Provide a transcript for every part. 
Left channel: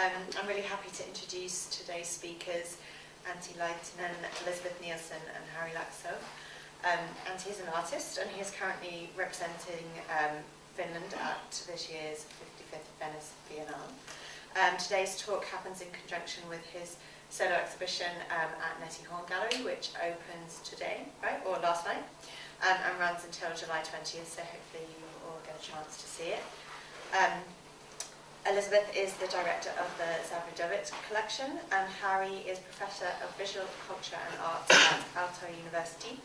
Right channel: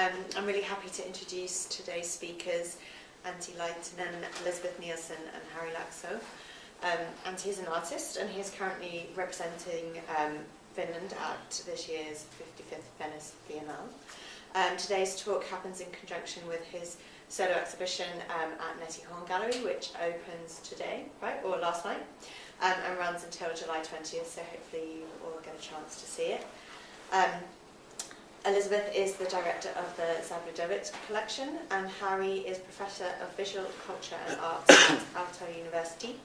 I'm really happy to introduce today's speakers, Antti Laitinen, Elizabeth Nielsen and Harri Laakso. Antti is an artist and he is currently representing Finland at this year's 55th Venice Biennale. Today's talk happens in conjunction with his solo exhibition at Netty Horn Gallery, which opens today, right, or last night, and runs until July 20th, so hopefully you all get a chance to see it. Elizabeth is the director of the Zabludovic collection, and Harri is Professor of Visual Culture and Arts at Aalto University.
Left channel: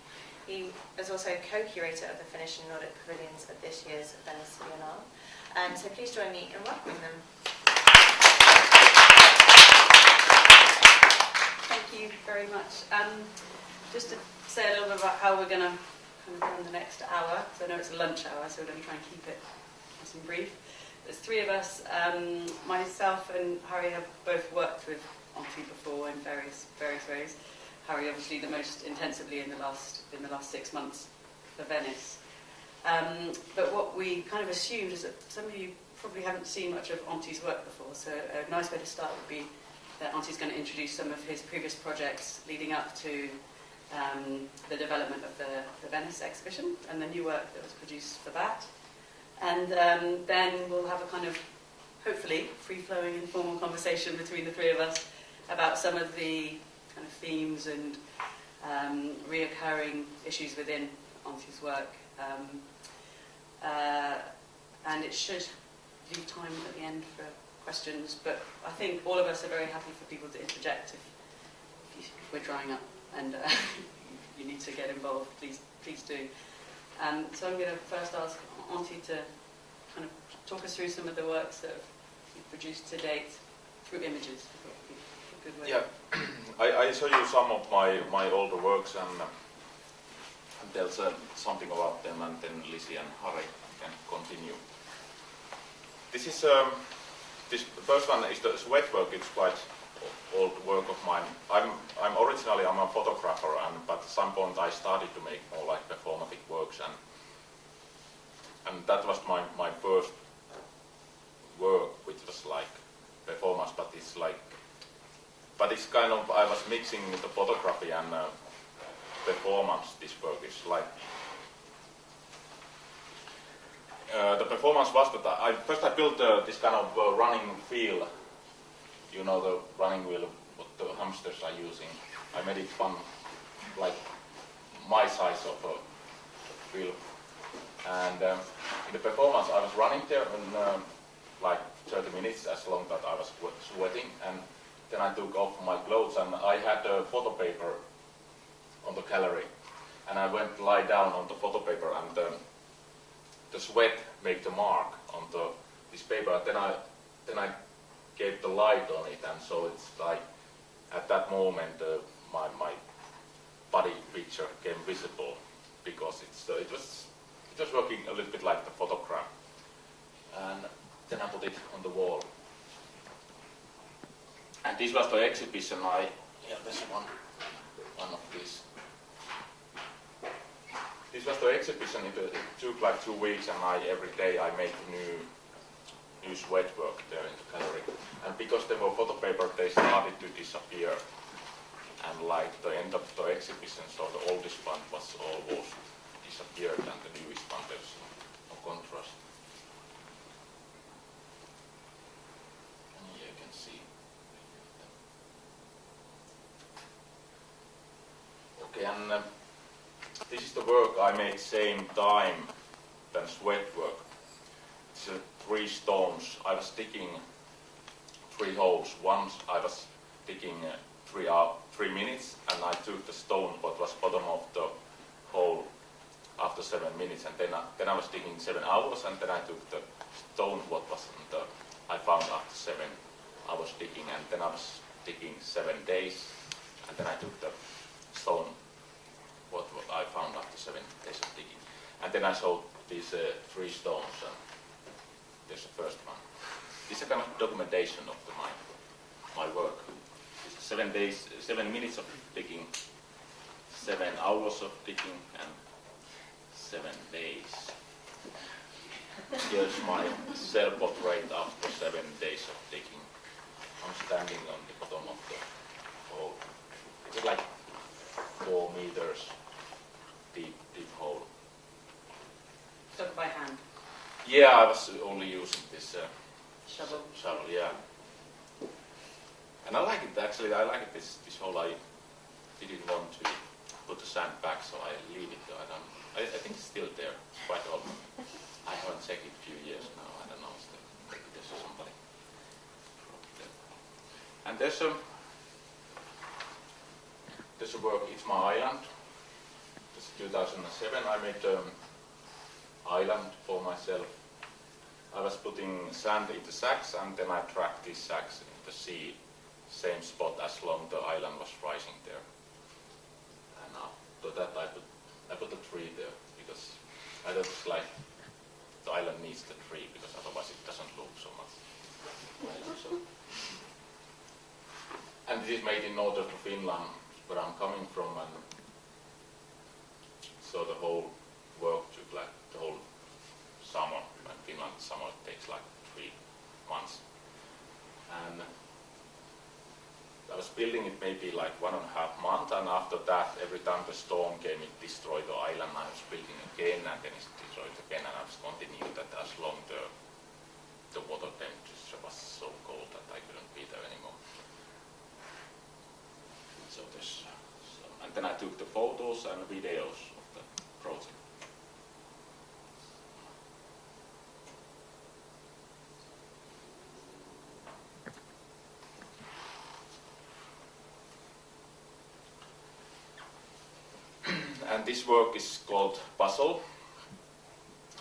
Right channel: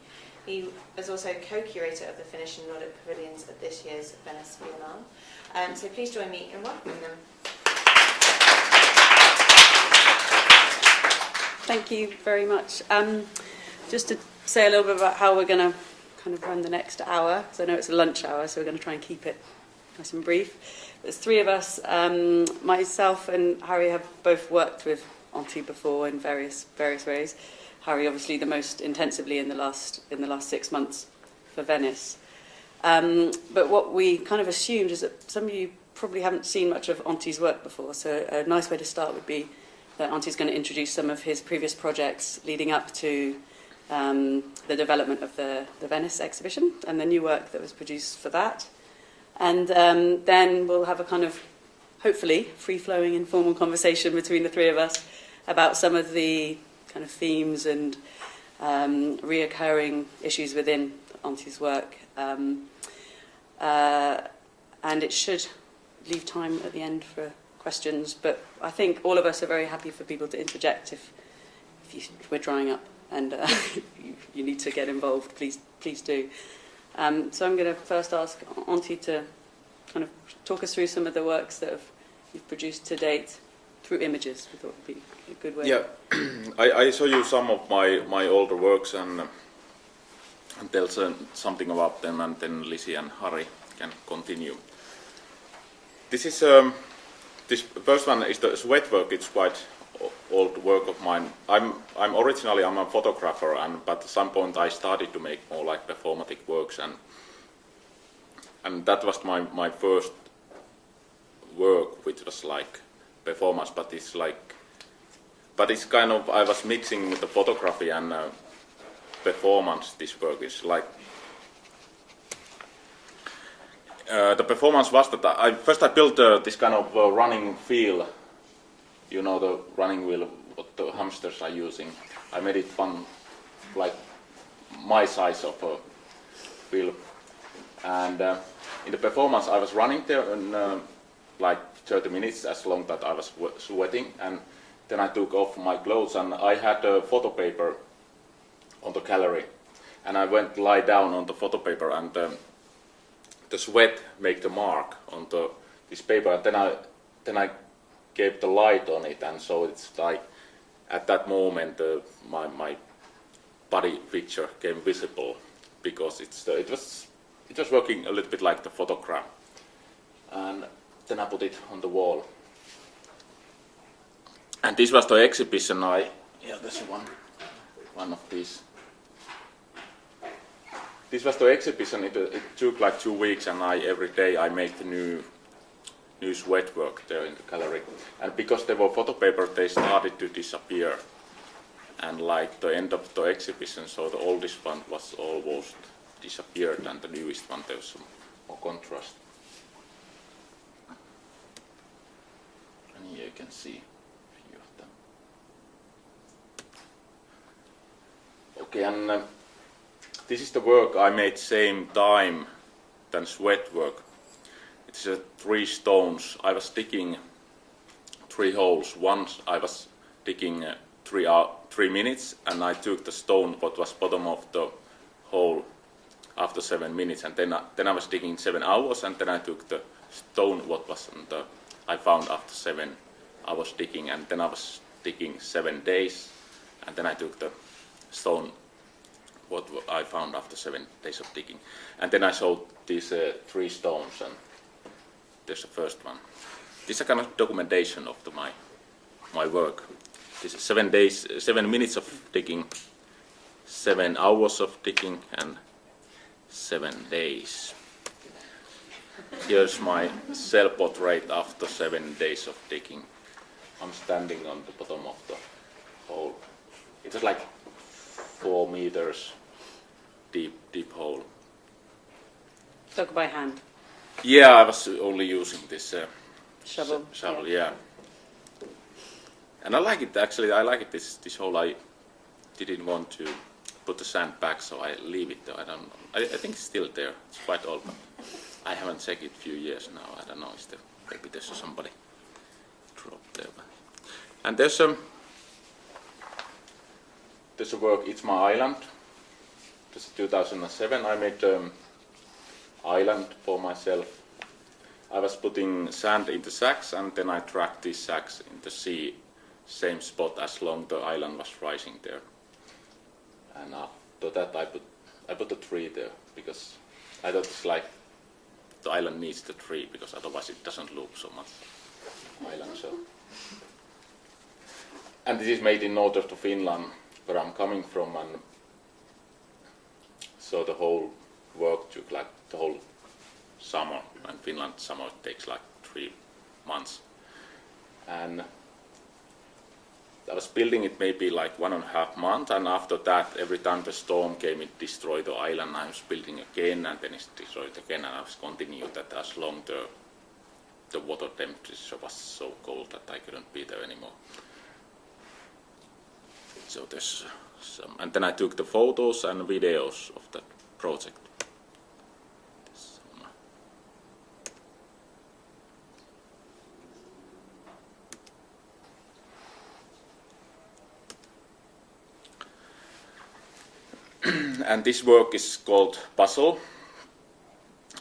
He is also co-curator of the Finnish and Nordic pavilions of this year's Venice Biennale. So please join me in welcoming them. Thank you very much. Just to say a little bit about how we're going to kind of run the next hour, because I know it's a lunch hour, so we're going to try and keep it nice and brief. There's three of us. Myself and Harri have both worked with Antti before in various ways. Harri, obviously, the most intensively in the last 6 months for Venice. But what we kind of assumed is that some of you probably haven't seen much of Antti's work before, so a nice way to start would be that Antti's going to introduce some of his previous projects leading up to the development of the Venice exhibition and the new work that was produced for that. And then we'll have a kind of, hopefully, free-flowing, informal conversation between the three of us about some of the kind of themes and reoccurring issues within Antti's work. And it should leave time at the end for questions, but I think all of us are very happy for people to interject if we're drying up and you need to get involved, please do. So I'm going to first ask Antti to kind of talk us through some of the works that you've produced to date through images. I thought would be a good way. Yeah, I show you some of my older works and tell something about them, and then Lizzie and Harri can continue. This first one is the sweat work. It's quite old work of mine. I'm a photographer, but at some point I started to make more like performative works, and that was my first work, which was like performance, but it's kind of, I was mixing with the photography and performance. This work is like the performance was that I built this kind of running wheel. You know, the running wheel what the hamsters are using. I made it one like my size of a wheel, and in the performance I was running there in like 30 minutes, as long that I was sweating, and then I took off my clothes and I had a photo paper on the gallery, and I went lie down on the photo paper, and the sweat made the mark on this paper, and then I gave the light on it, and so it's like at that moment my body picture came visible, because it was working a little bit like the photograph, and then I put it on the wall. And this was the exhibition. There's one of these. This was the exhibition. It took like 2 weeks, and every day I made the new sweat work there in the gallery. And because they were photo paper, they started to disappear. And like the end of the exhibition, so the oldest one was almost disappeared, and the newest one, there's some more contrast. And here you can see a few of them. Okay, and this is the work I made same time than sweat work. It's 3 stones. I was digging 3 holes. Once I was digging 3 minutes, and I took the stone what was bottom of the hole after 7 minutes, and then I was digging 7 hours, and then I took the stone what was I found after 7 hours digging, and then I was digging 7 days, and then I took the stone what I found after 7 days of digging, and then I showed these 3 stones, and there's the first one. This is a kind of documentation of my work. This is 7 days, 7 minutes of digging, 7 hours of digging, and 7 days. Here's my self-portrait after 7 days of digging. I'm standing on the bottom of the hole. It's like 4 meters deep hole. Dug by hand. Yeah, I was only using this Shovel. shovel, yeah. And I like it actually. I like it this hole. I didn't want to put the sand back, so I leave it there. I think it's still there. It's quite old. I haven't checked it a few years now. I don't know. Maybe there's somebody dropped there. And there's a work. It's my island. This is 2007. I made island for myself. I was putting sand into sacks, and then I tracked these sacks in the sea, same spot as long the island was rising there. And after that I put a tree there, because I thought it's like the island needs the tree, because otherwise it doesn't look so much island. So. And this is made in north of Finland, where I'm coming from, and so the whole work took like the whole summer. In Finland, summer takes like 3 months. And I was building it maybe like 1.5 months, and after that, every time the storm came, it destroyed the island. I was building again, and then it destroyed again, and I was continuing that as long the water temperature was so cold that I couldn't be there anymore. So there's some, and then I took the photos and videos of the project. And this work is called Puzzle.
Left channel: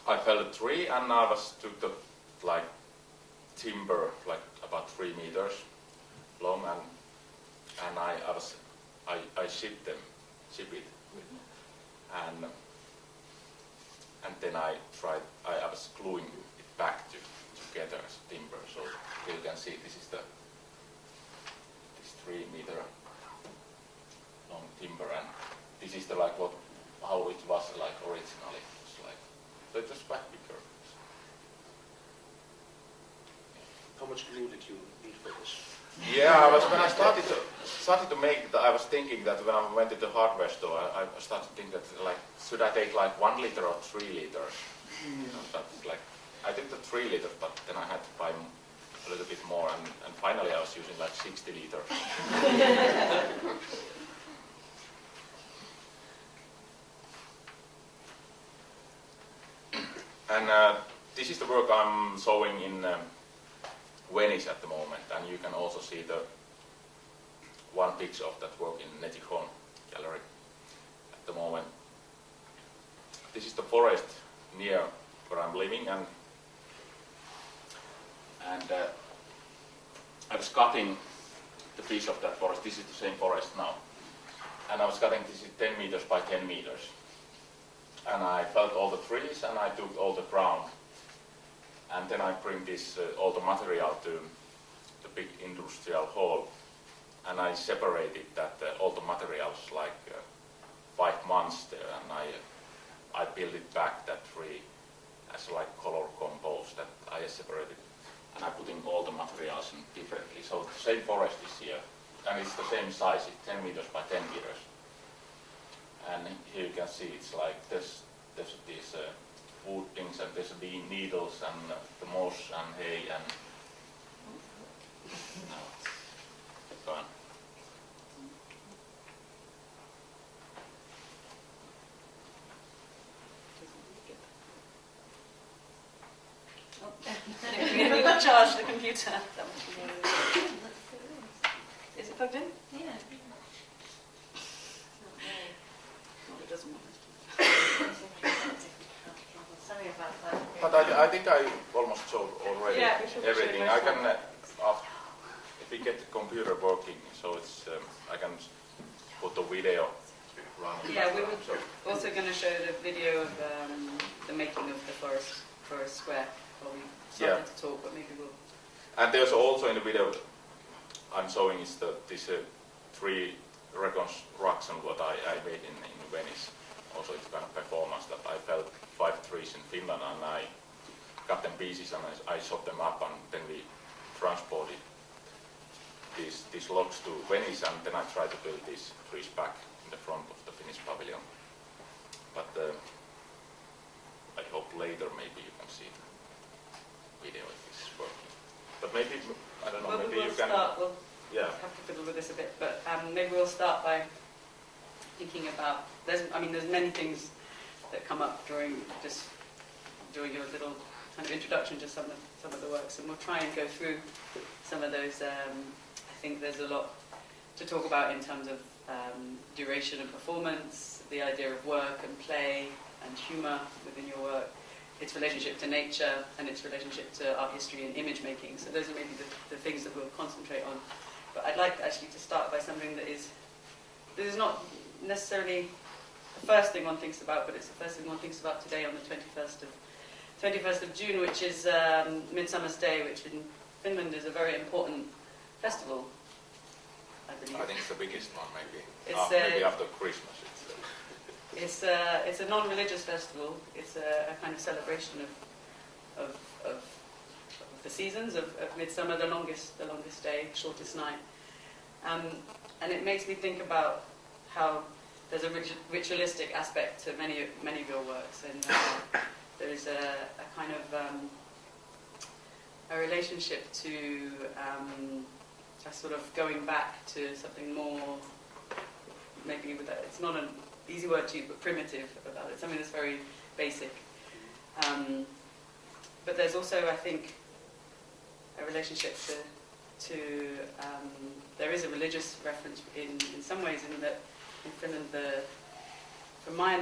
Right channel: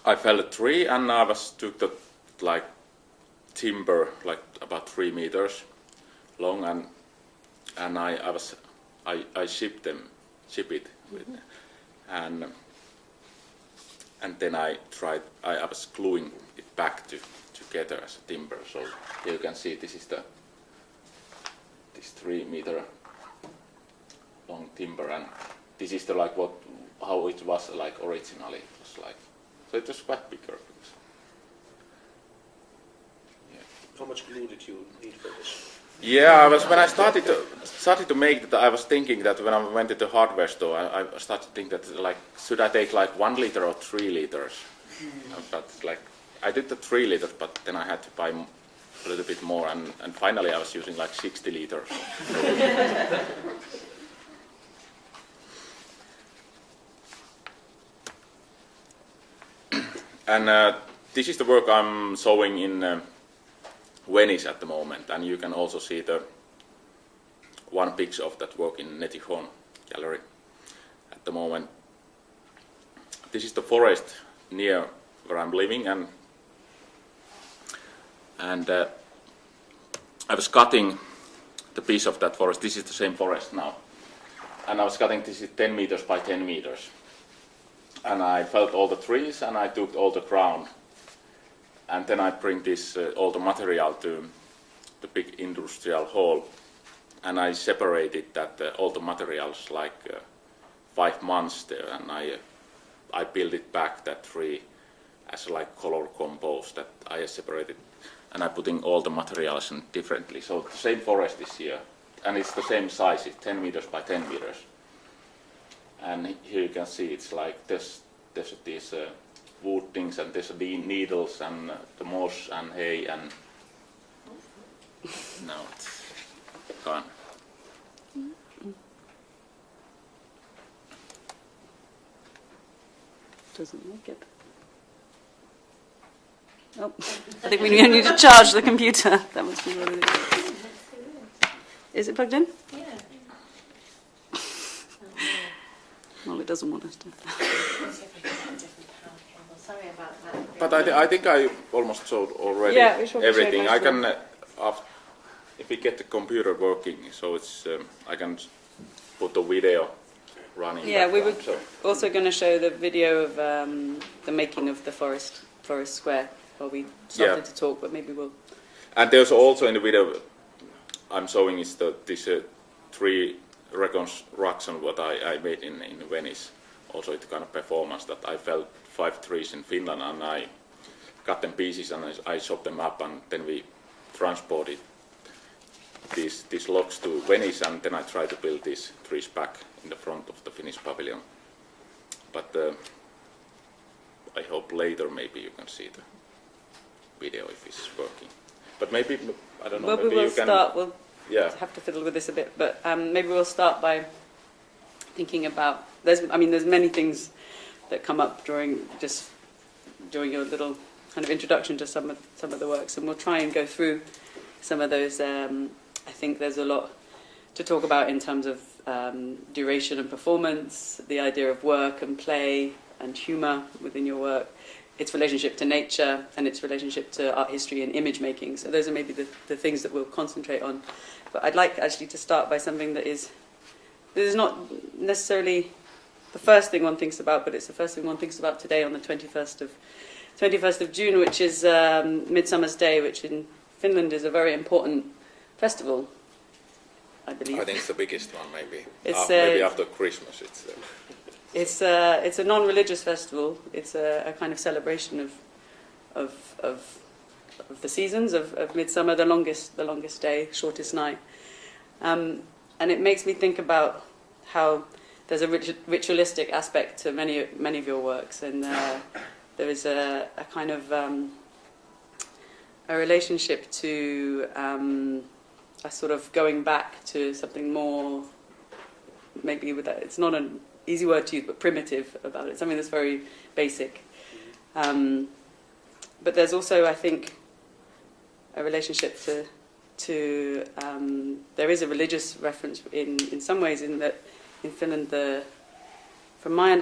I felled a tree, and I took the like timber, like about 3 meters long, and I ship it with, and then I was gluing it back together as a timber. So here you can see this 3 meter long timber, and this is the like how it was like originally. It was like, so it was quite bigger. Yeah. How much glue did you need for this? Yeah, when I started to make it, I was thinking that when I went to the hardware store, I started to think that like, should I take like 1 liter or 3 liters? But like, I did the 3 liters, but then I had to buy a little bit more, and finally I was using like 60 liters. And this is the work I'm showing in Venice at the moment, and you can also see the one picture of that work in Netihon gallery at the moment. This is the forest near where I'm living, and I was cutting the piece of that forest. This is the same forest now, and I was cutting this is 10 meters by 10 meters. And I felled all the trees, and I took all the ground, and then I bring this all the material to the big industrial hall, and I separated that all the materials like 5 months there, and I built it back that tree as like color compost that I separated, and I putting all the materials in differently. So the same forest is here, and it's the same size. It's 10 meters by 10 meters. And here you can see it's like there's these wood things, and there's the needles and the moss and hay, and no, it's gone. Doesn't like it. Oh, I think we need to charge the computer. That must be what it is. Is it plugged in? Yeah. Well, it doesn't want us to. Sorry about that. But I think I almost showed already Yeah, we showed everything. most I can, if we get the computer working, so it's I can put the video running. Yeah, we were background, so. also going to show the video of the making of the forest square while we started Yeah. to talk, but maybe we'll. And there's also in the video I'm showing is this 3 reconstruction what I made in Venice. Also it's kind of performance that I felled 5 trees in Finland, and I cut them pieces, and I chopped them up, and then we transported these logs to Venice, and then I try to build these trees back in the front of the Finnish pavilion. But I hope later maybe you can see the video if it's working. But maybe, I don't know, Well, maybe we will you can... start. We'll Yeah. have to fiddle with this a bit, but maybe we'll start by thinking about. There's many things that come up during your little kind of introduction to some of the works, and we'll try and go through some of those. I think there's a lot to talk about in terms of duration and performance, the idea of work and play and humour within your work, its relationship to nature and its relationship to art history and image making. So those are maybe the things that we'll concentrate on. But I'd like actually to start by something that is not necessarily the first thing one thinks about, but it's the first thing one thinks about today on the 21st of June, which is Midsummer's Day, which in Finland is a very important festival, I believe. I think it's the biggest one, maybe. It's maybe after Christmas it's a non-religious festival. It's a kind of celebration of the seasons of midsummer, the longest day, shortest night, and it makes me think about how there's a ritualistic aspect to many of your works, and there is a kind of a relationship to a sort of going back to something more, maybe with that, it's not an easy word to use, but primitive about it, something that's very basic. But there's also, I think, a relationship to there is a religious reference in some ways, in that in Finland,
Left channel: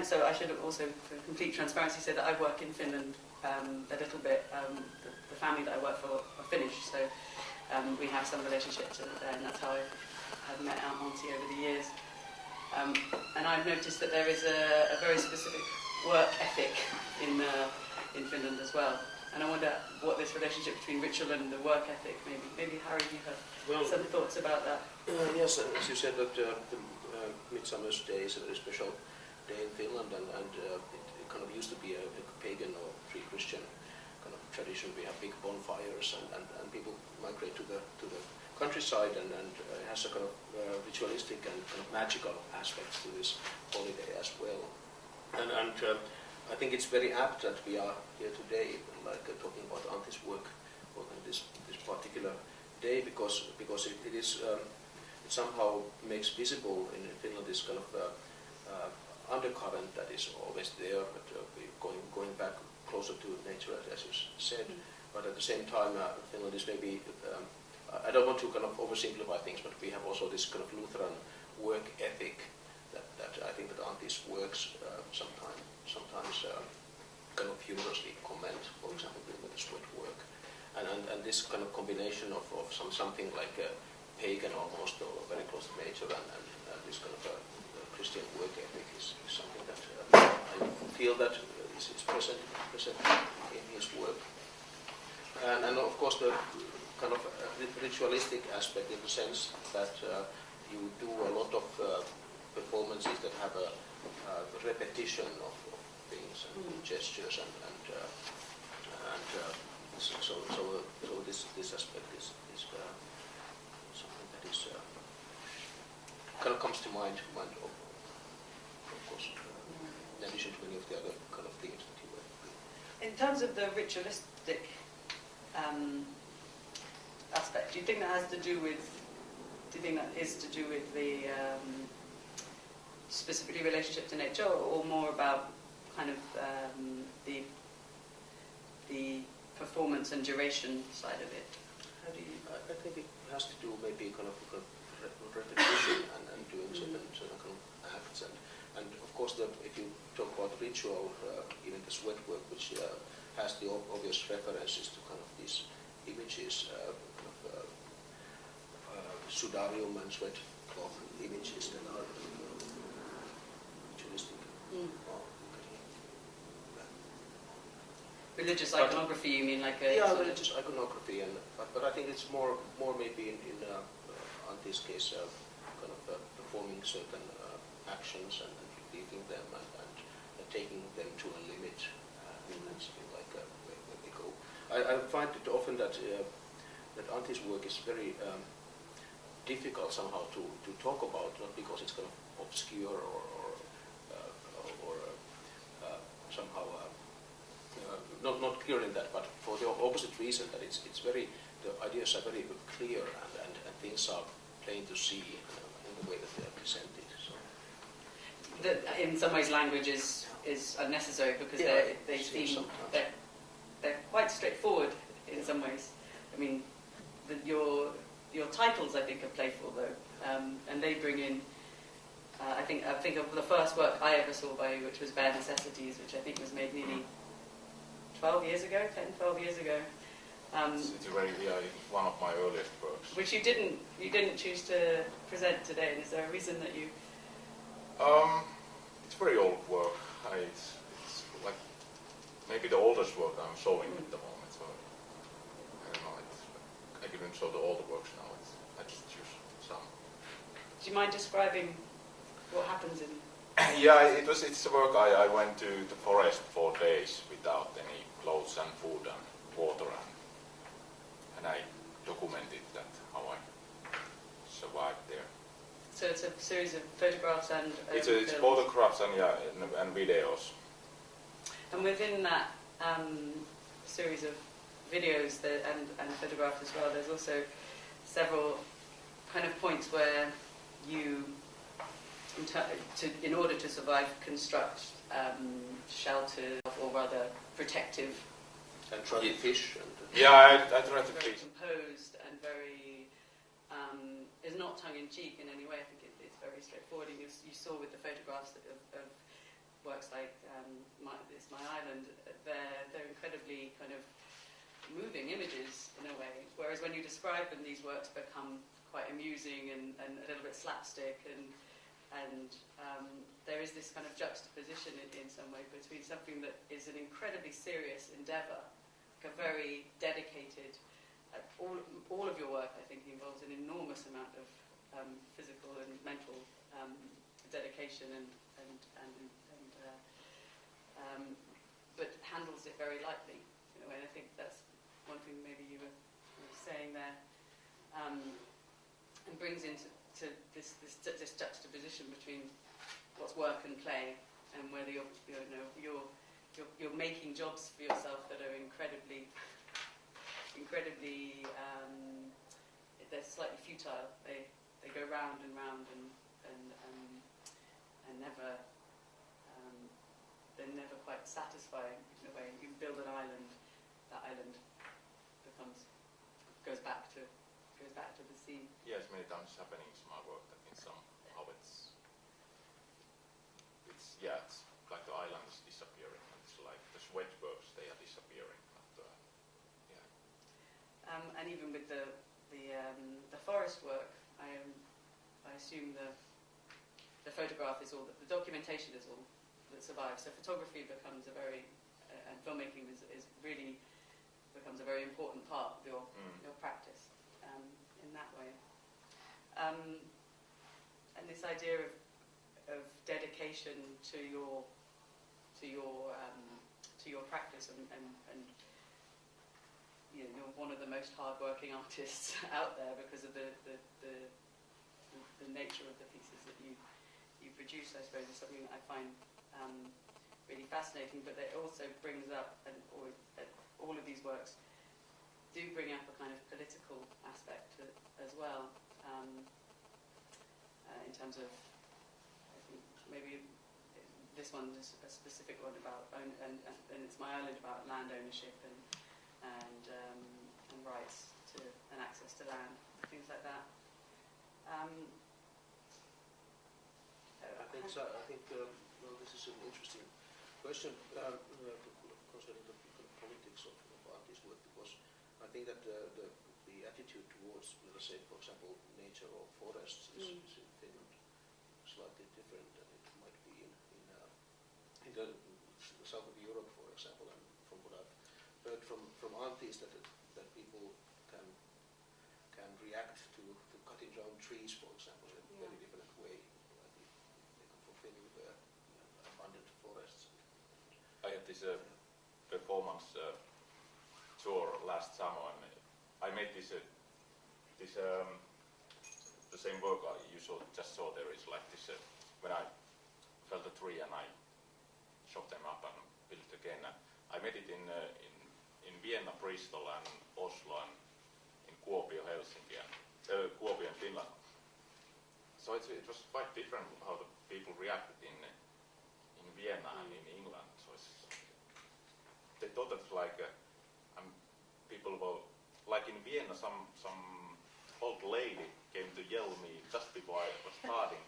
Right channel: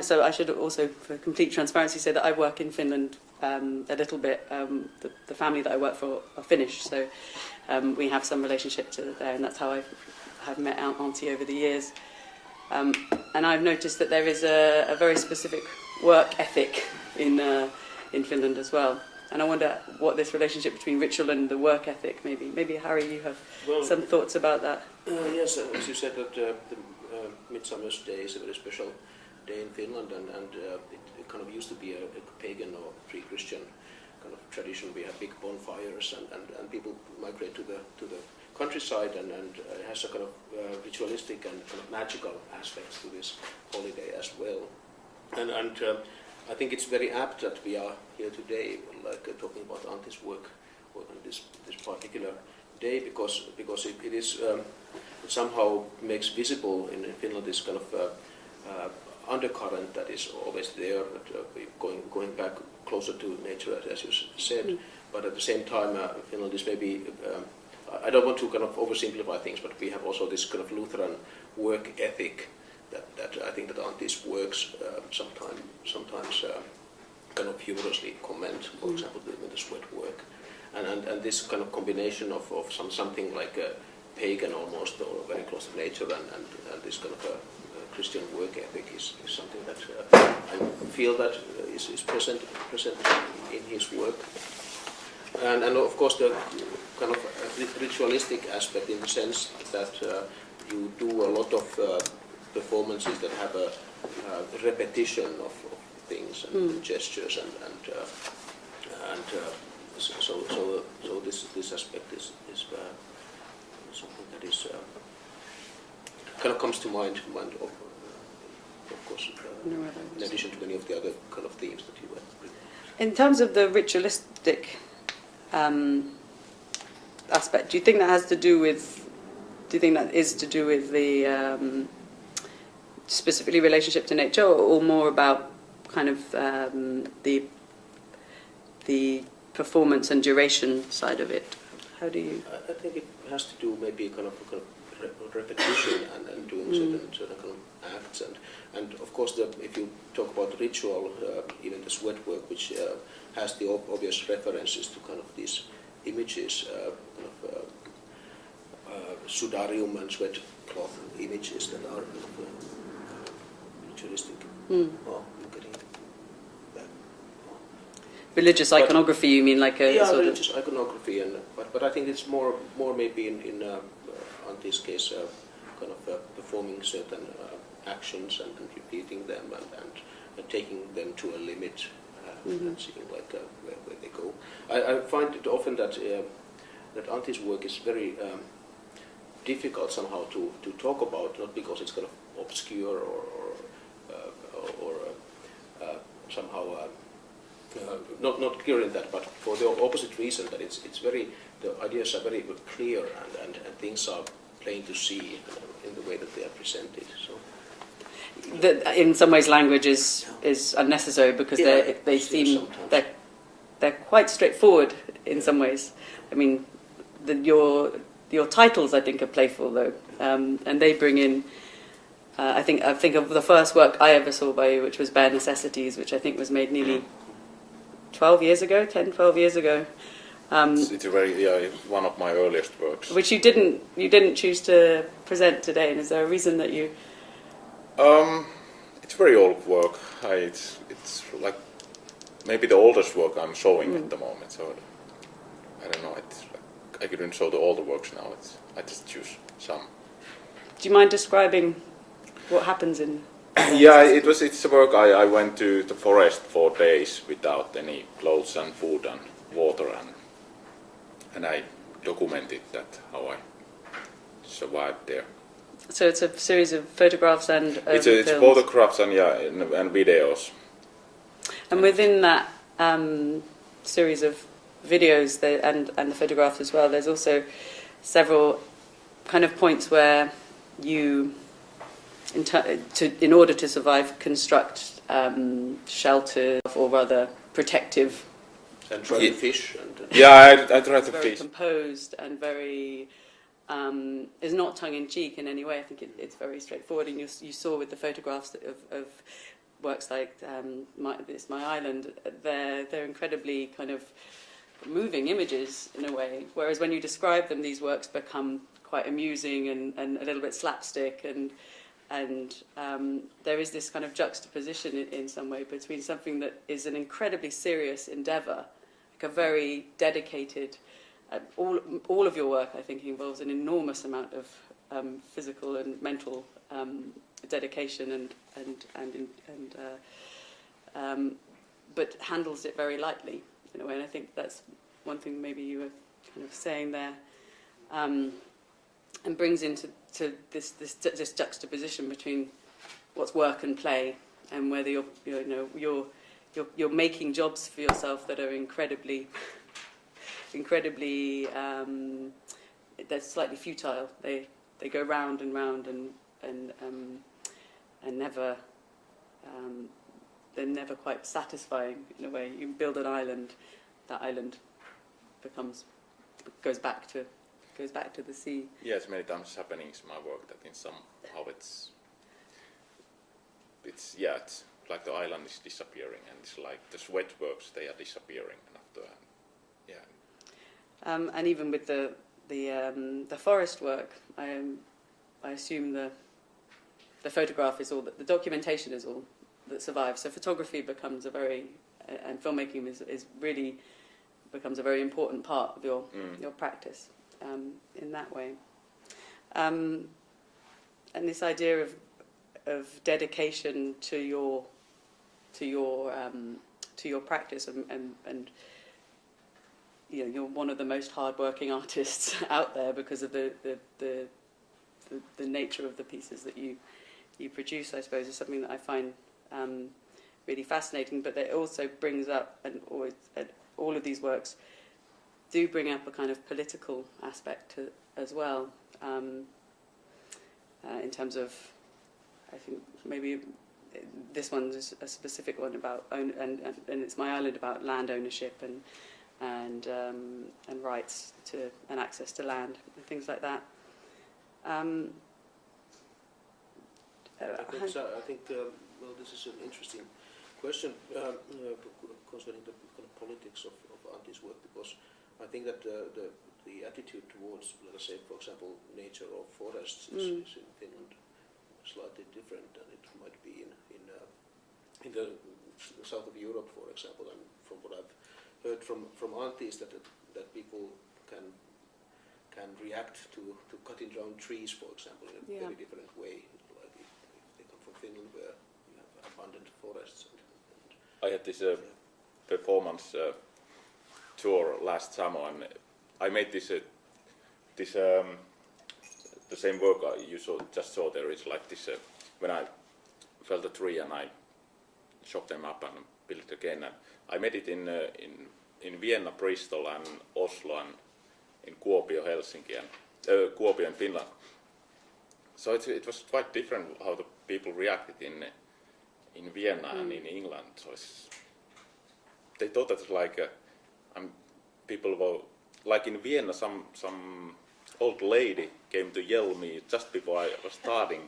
so I should also, for complete transparency, say that I work in Finland a little bit. The family that I work for are Finnish, so we have some relationship to there, and that's how I've met Antti over the years. And I've noticed that there is a very specific work ethic in Finland as well. And I wonder what this relationship between ritual and the work ethic, maybe Harry, you have some thoughts about that. Yes, as you said, that the Midsummer's Day is a very special day in Finland, and it kind of used to be a pagan or pre-Christian kind of tradition. We have big bonfires, and people migrate to the countryside, and it has a kind of ritualistic and kind of magical aspects to this holiday as well. And I think it's very apt that we are here today, like talking about Antti's work on this particular day, because it is it somehow makes visible in Finland this kind of undercurrent that is always there, going back closer to nature, as you said. But at the same time, Finland is maybe, I don't want to kind of oversimplify things, but we have also this kind of Lutheran work ethic that I think that Antti's works sometimes kind of humorously comment, for example, with the sweat work. And this kind of combination of something like pagan almost, or very close to nature, and this kind of Christian work ethic is something that I feel that is present in his work. And of course the kind of ritualistic aspect, in the sense that you do a lot of performances that have a repetition of things and gestures, and so this aspect is something that is kind of comes to mind of course, in addition to many of the other kind of themes that you went with. In terms of the ritualistic aspect, do you think that is to do with the specifically relationship to nature, or more about kind of the performance and duration side of it? How do you? I think it has to do maybe kind of repetition and doing certain kind of acts, and of course if you talk about ritual, even the sweat work, which has the obvious references to kind of these images, sudarium and sweat cloth images that are ritualistic. Religious iconography, you mean, like a sort religious iconography, but I think it's more maybe in Antti's case, kind of performing certain actions and repeating them and taking them to a limit, and seeing like where they go. I find it often that Antti's work is very difficult somehow to talk about, not because it's kind of obscure or somehow not clear in that, but for the opposite reason that it's very, the ideas are very clear and things are plain to see in the way that they are presented. So. In some ways, language is unnecessary because they seem they're quite straightforward in some ways. I mean, your titles I think are playful though, and they bring in. I think of the first work I ever saw by you, which was Bare Necessities, which I think was made nearly 12 years ago. It's a very one of my earliest works. Which you didn't choose to present today, and is there a reason that you? It's very old work. It's like maybe the oldest work I'm showing at the moment. So I don't know. It's like I couldn't show the older works now. I just choose some. Do you mind describing what happens in? Yeah, it's a work. I went to the forest for days without any clothes and food and water, and I documented that how I survived there. So it's a series of photographs and It's films. photographs and videos. And within that series of videos and the photographs as well, there's also several kind of points where you, in order to survive, construct shelter or rather protective. And try to fish. Yeah, I try to very fish. composed and very. Is not tongue-in-cheek in any way. I think it's very straightforward, and you saw with the photographs of works like It's My Island, they're incredibly kind of moving images in a way, whereas when you describe them, these works become quite amusing and a little bit slapstick, and there is this kind of juxtaposition in some way between something that is an incredibly serious endeavour, like a very dedicated. All of your work, I think, involves an enormous amount of physical and mental dedication but handles it very lightly in a way. And I think that's one thing maybe you were kind of saying there, and brings into this juxtaposition between what's work and play, and whether you're making jobs for yourself that are incredibly they're slightly futile. They go round and round and never they're never quite satisfying in a way. You build an island, that island goes back to the sea. Yes, many times happening in my work that in somehow it's like the island is disappearing, and it's like the sweat works, they are disappearing after. And even with the forest work, I assume the photograph is all the documentation is all that survives. So photography becomes and filmmaking is really becomes a very important part of your practice in that way. And this idea of dedication to your practice and you're one of the most hard-working artists out there because of the nature of the pieces that you produce. I suppose is something that I find really fascinating. But it also brings up, and all of these works do bring up a kind of political aspect as well. In terms of, I think maybe this one's a specific one about and It's My Island, about land ownership and rights to and access to land and things like that. I think well, this is an interesting question concerning the politics of Antti's work, because I think that the attitude towards, let us say, for example, nature or forests is in Finland slightly different than it might be in the south of Europe, for example. And from what I've heard from Antti is that people can react to cutting down trees, for example, in a very different way. Like if they come from Finland, where you have abundant forests. I had this performance tour last summer, and I made this the same work you just saw there is like this. When I felled a tree and I chopped them up and built it again, and I made it in Vienna, Bristol, and Oslo, and in Kuopio, Helsinki, and Kuopio in Finland. So it was quite different how the people reacted in Vienna and in England. So they thought that like people were like in Vienna. Some old lady came to yell me just before I was starting.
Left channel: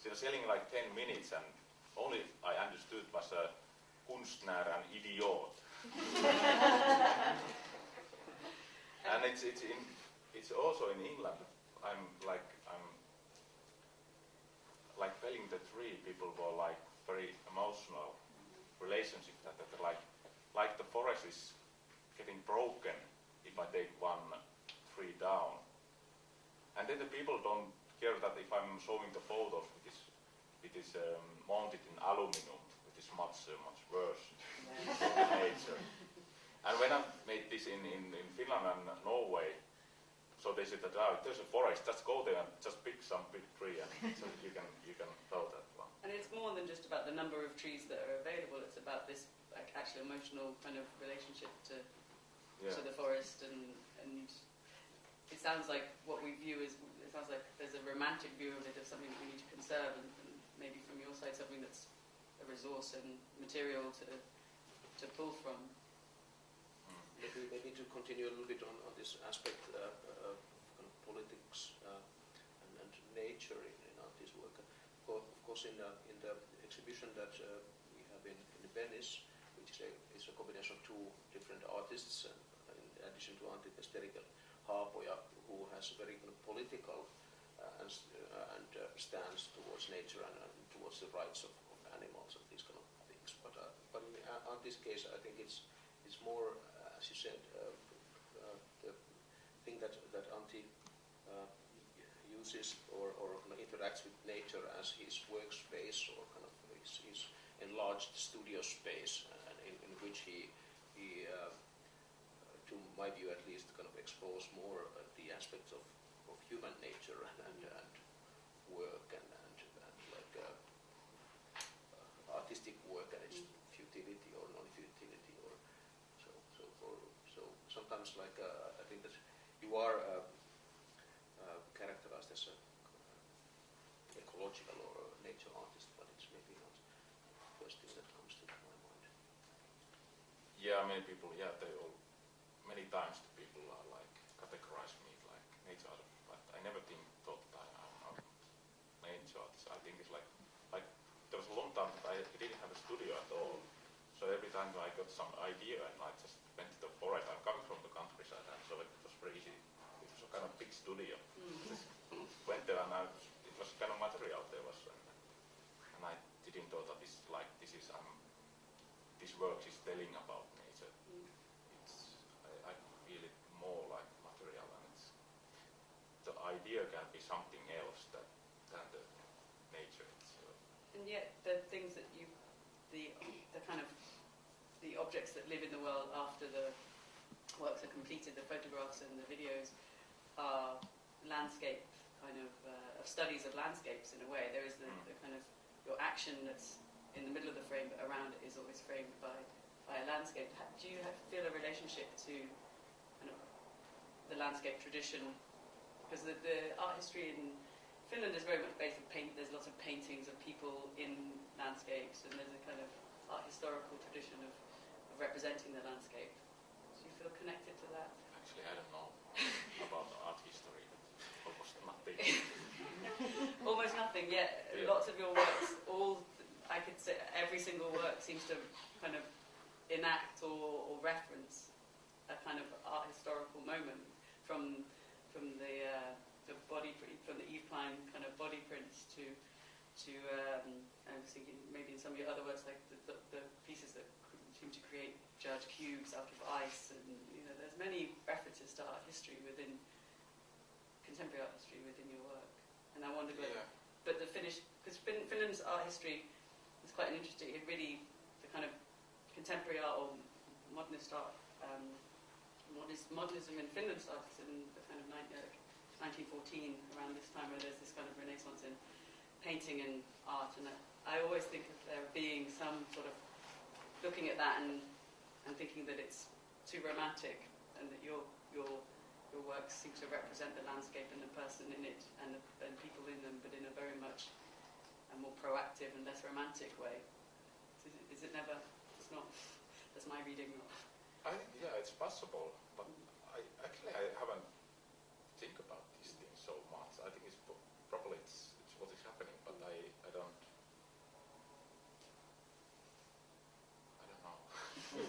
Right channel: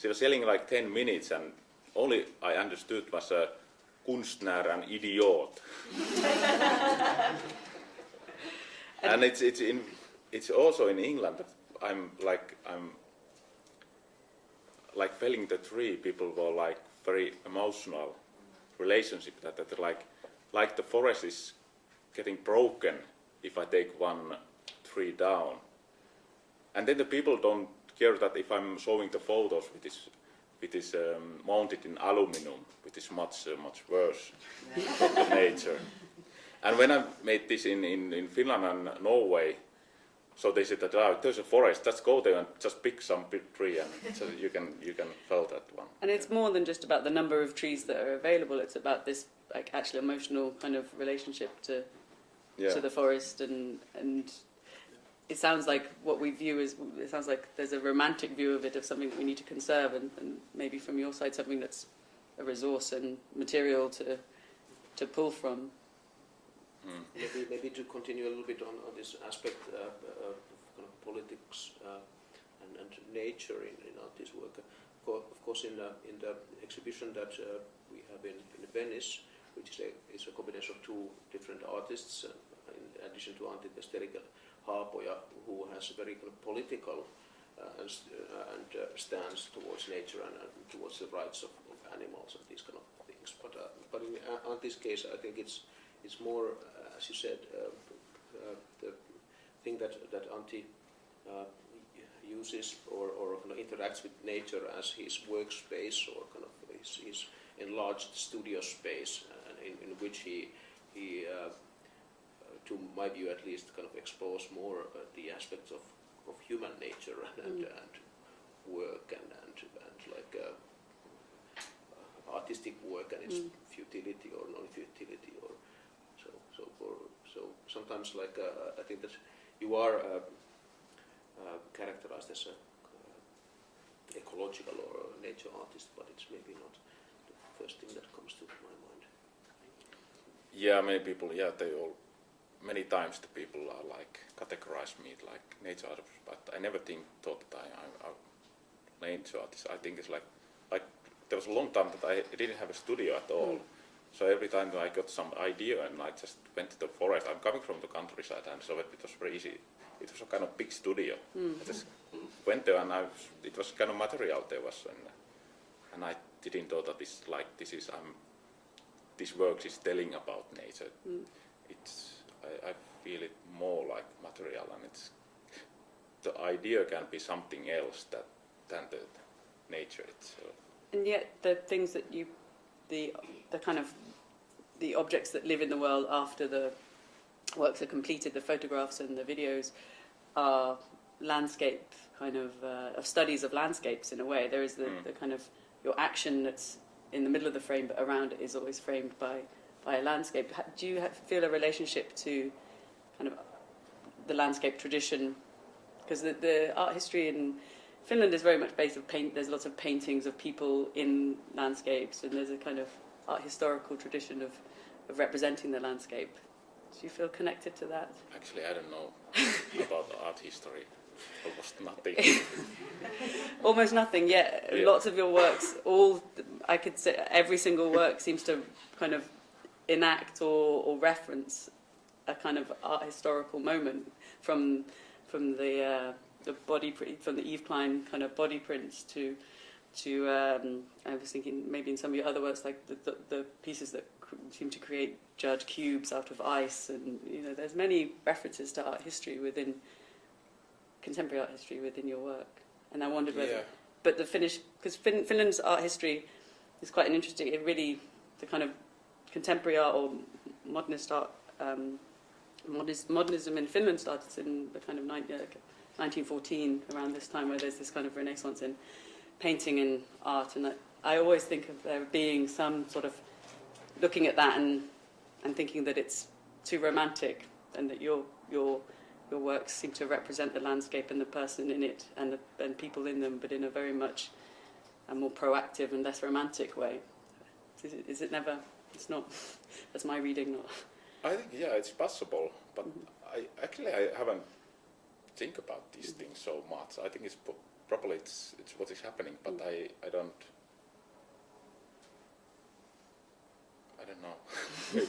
She was yelling like 10 minutes, and only I understood was a Kunstner and Idiot. And it's also in England. But I'm like felling the tree. People were like very emotional relationship that like the forest is getting broken if I take one tree down. And then the people don't care that if I'm showing the photos with this mounted in aluminum, which is much worse than nature. And when I made this in Finland and Norway, so they said that there's a forest, just go there and just pick some big tree, and so you can fell that one. And it's more than just about the number of trees that are available. It's about this like actual emotional kind of relationship to the forest, and it sounds like what we view as, it sounds like there's a romantic view of it, of something that we need to conserve, and maybe from your side something that's a resource and material to pull from. Maybe to continue a little bit on this aspect of kind of politics and nature in artist work. Of course, in the exhibition that we have in Venice, which is a combination of two different artists, in addition to Antti Vesterinen Haapoja, who has a very kind of political and stance towards nature and towards the rights of animals and these kind of things. But in Antti's case, I think it's more, as you said, the thing that Antti uses or kind of interacts with nature as his workspace, or kind of his enlarged studio space, in which he to my view at least, kind of explores more the aspects of human nature and work and like artistic work and its futility or non-futility, or so sometimes like I think that you are characterized as a ecological or nature artist, but it's maybe not the first thing that comes to my mind. Yeah, many people. Yeah, many times the people are like categorize me like nature artist, but I never thought that I'm nature artist. I think it's like there was a long time that I didn't have a studio at all. So every time I got some idea and I just went to the forest. I'm coming from the countryside, and so it was very easy. It was a kind of big studio. I just went there, and it was kind of material there was, and I didn't know that this work is telling about nature. I feel it more like material, and the idea can be something else than the nature itself. And yet the things that the kind of the objects that live in the world after the works are completed, the photographs and the videos, are landscape kind of studies of landscapes in a way. There is the kind of your action that's in the middle of the frame, but around it is always framed by a landscape. Do you feel a relationship to kind of the landscape tradition? Because the art history in Finland is very much based on paint. There's lots of paintings of people in landscapes, and there's a kind of art historical tradition of representing the landscape. Do you feel connected to that? Actually, I don't know about the art history. Almost nothing. Almost nothing, yeah. Lots of your works, I could say every single work seems to kind of enact or reference a kind of art historical moment from the body print, from the Yves Klein kind of body prints to I was thinking maybe in some of your other works, like the pieces that seem to create judge cubes out of ice, and there's many references to art history contemporary art history within your work. And I wondered whether, but the Finnish, because Finland's art history is quite an interesting. It really, the kind of contemporary art or modernist art, modernism in Finland started in the kind of 1914, around this time, where there's this kind of renaissance in painting and art, and I always think of there being some sort of looking at that and thinking that it's too romantic, and that your works seem to represent the landscape and the person in it and people in them, but in a very much a more proactive and less romantic way. Is it never? It's not. That's my reading. Not. I think it's possible, but I haven't think about these things so much. I think it's probably it's what is happening, but I don't know.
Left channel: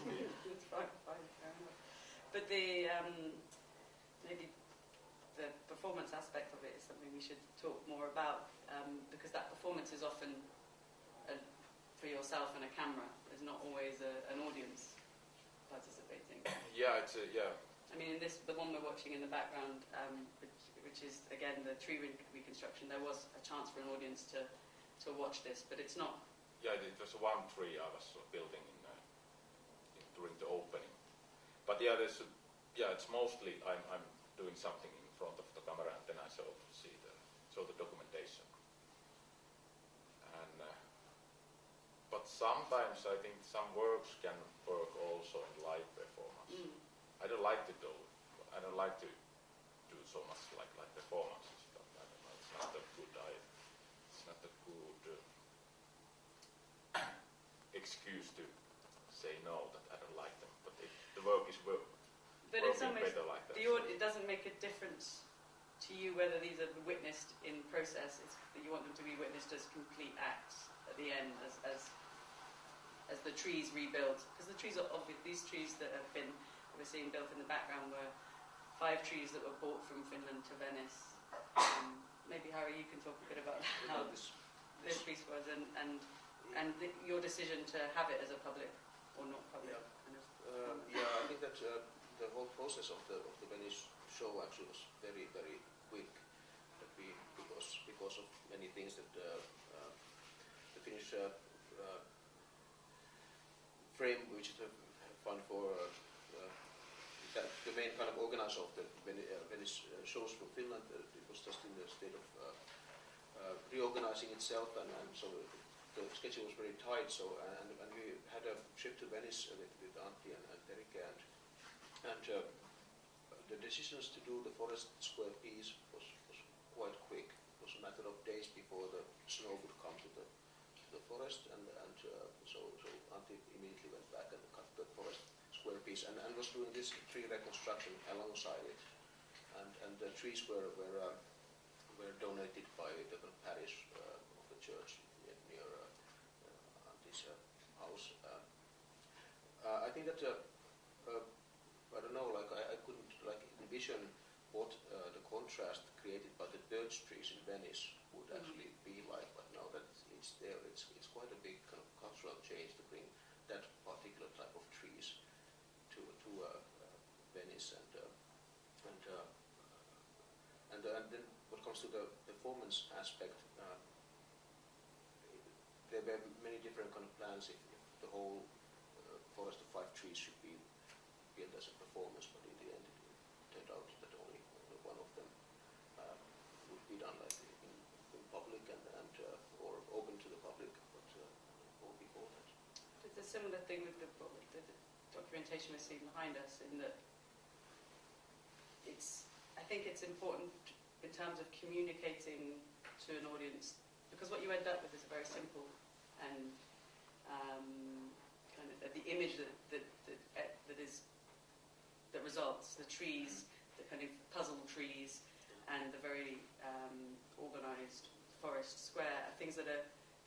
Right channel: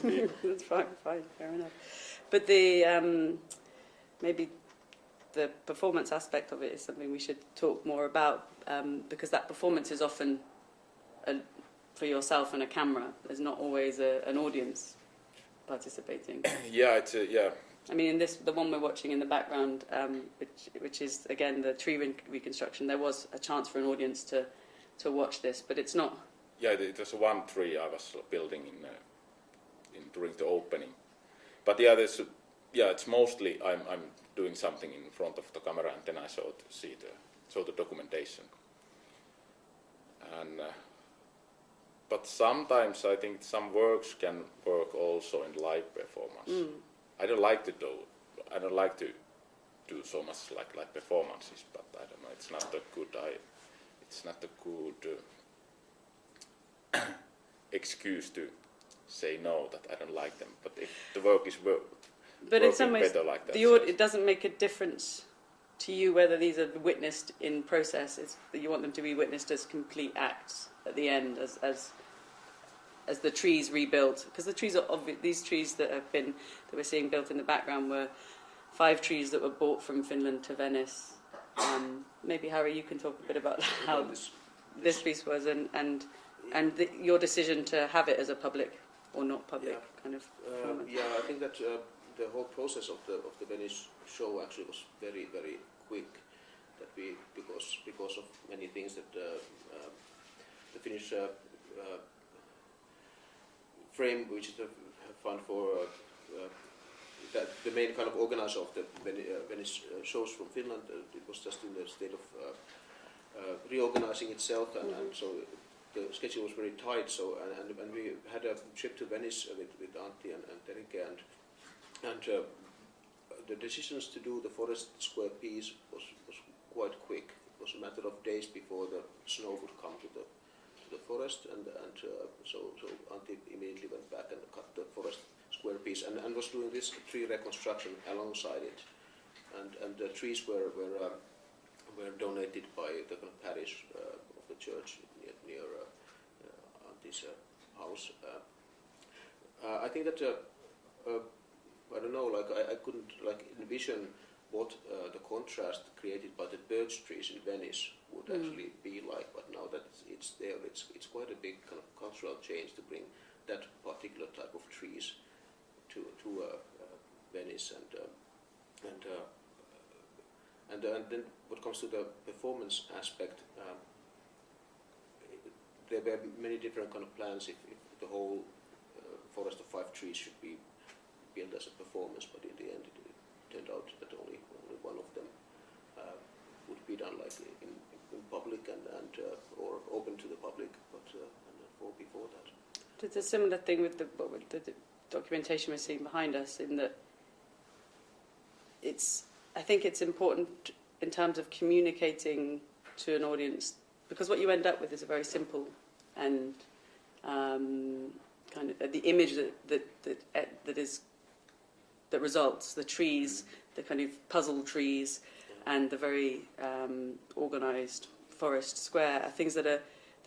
Maybe. That's fine, fair enough. But the maybe the performance aspect of it is something we should talk more about, because that performance is often for yourself and a camera. There's not always an audience participating. I mean, in the one we're watching in the background, which is again the tree reconstruction, there was a chance for an audience to watch this, but it's not. Yeah, there's one tree I was building in during the opening, but it's mostly I'm doing something in front of the camera, and then I show the documentation. And but sometimes I think some works can work also in live performance. I don't like to do so much like performances, but I don't know. It's not a good excuse to say no, that I don't like them. But if the work is but in some ways, better like that, it doesn't make a difference to you whether these are witnessed in process. It's that you want them to be witnessed as complete acts at the end, as the trees rebuilt. Because the trees these trees that we're seeing built in the background were 5 trees that were brought from Finland to Venice. Maybe Harry, you can talk a bit about how this piece was and your decision to have it as a public or not public kind of performance. I think that the whole process of the Venice show actually was very, very quick. That because of many things that the Finnish frame, which is the fund for that the main kind of organizer of the Venice shows from Finland, it was just in the state of reorganizing itself, and so the schedule was very tight. So and we had a trip to Venice with Antti and Terike, and the decisions to do the Forest Square piece was quite quick. It was a matter of days before the snow would come to the forest, and so Antti immediately went back and cut the Forest Square piece and was doing this tree reconstruction alongside it, and the trees were donated by the parish of the church near Antti's house. I think that I don't know, I couldn't envision what the contrast created by the birch trees in Venice would actually be like, but now that it's there, it's quite a big kind of cultural change to bring that particular type of trees to Venice, and then what comes to the performance aspect, there were many different kind of plans if the whole forest of 5 trees should be built as a performance, but in the end it turned out that only one of them would be done in public and or open to the public, but or before that. It's a similar thing with the documentation we're seeing behind us, in that I think it's important in terms of communicating to an audience, because what you end up with is a very simple and kind of the image that results, the trees, the kind of puzzle trees, and the very organised forest square are things that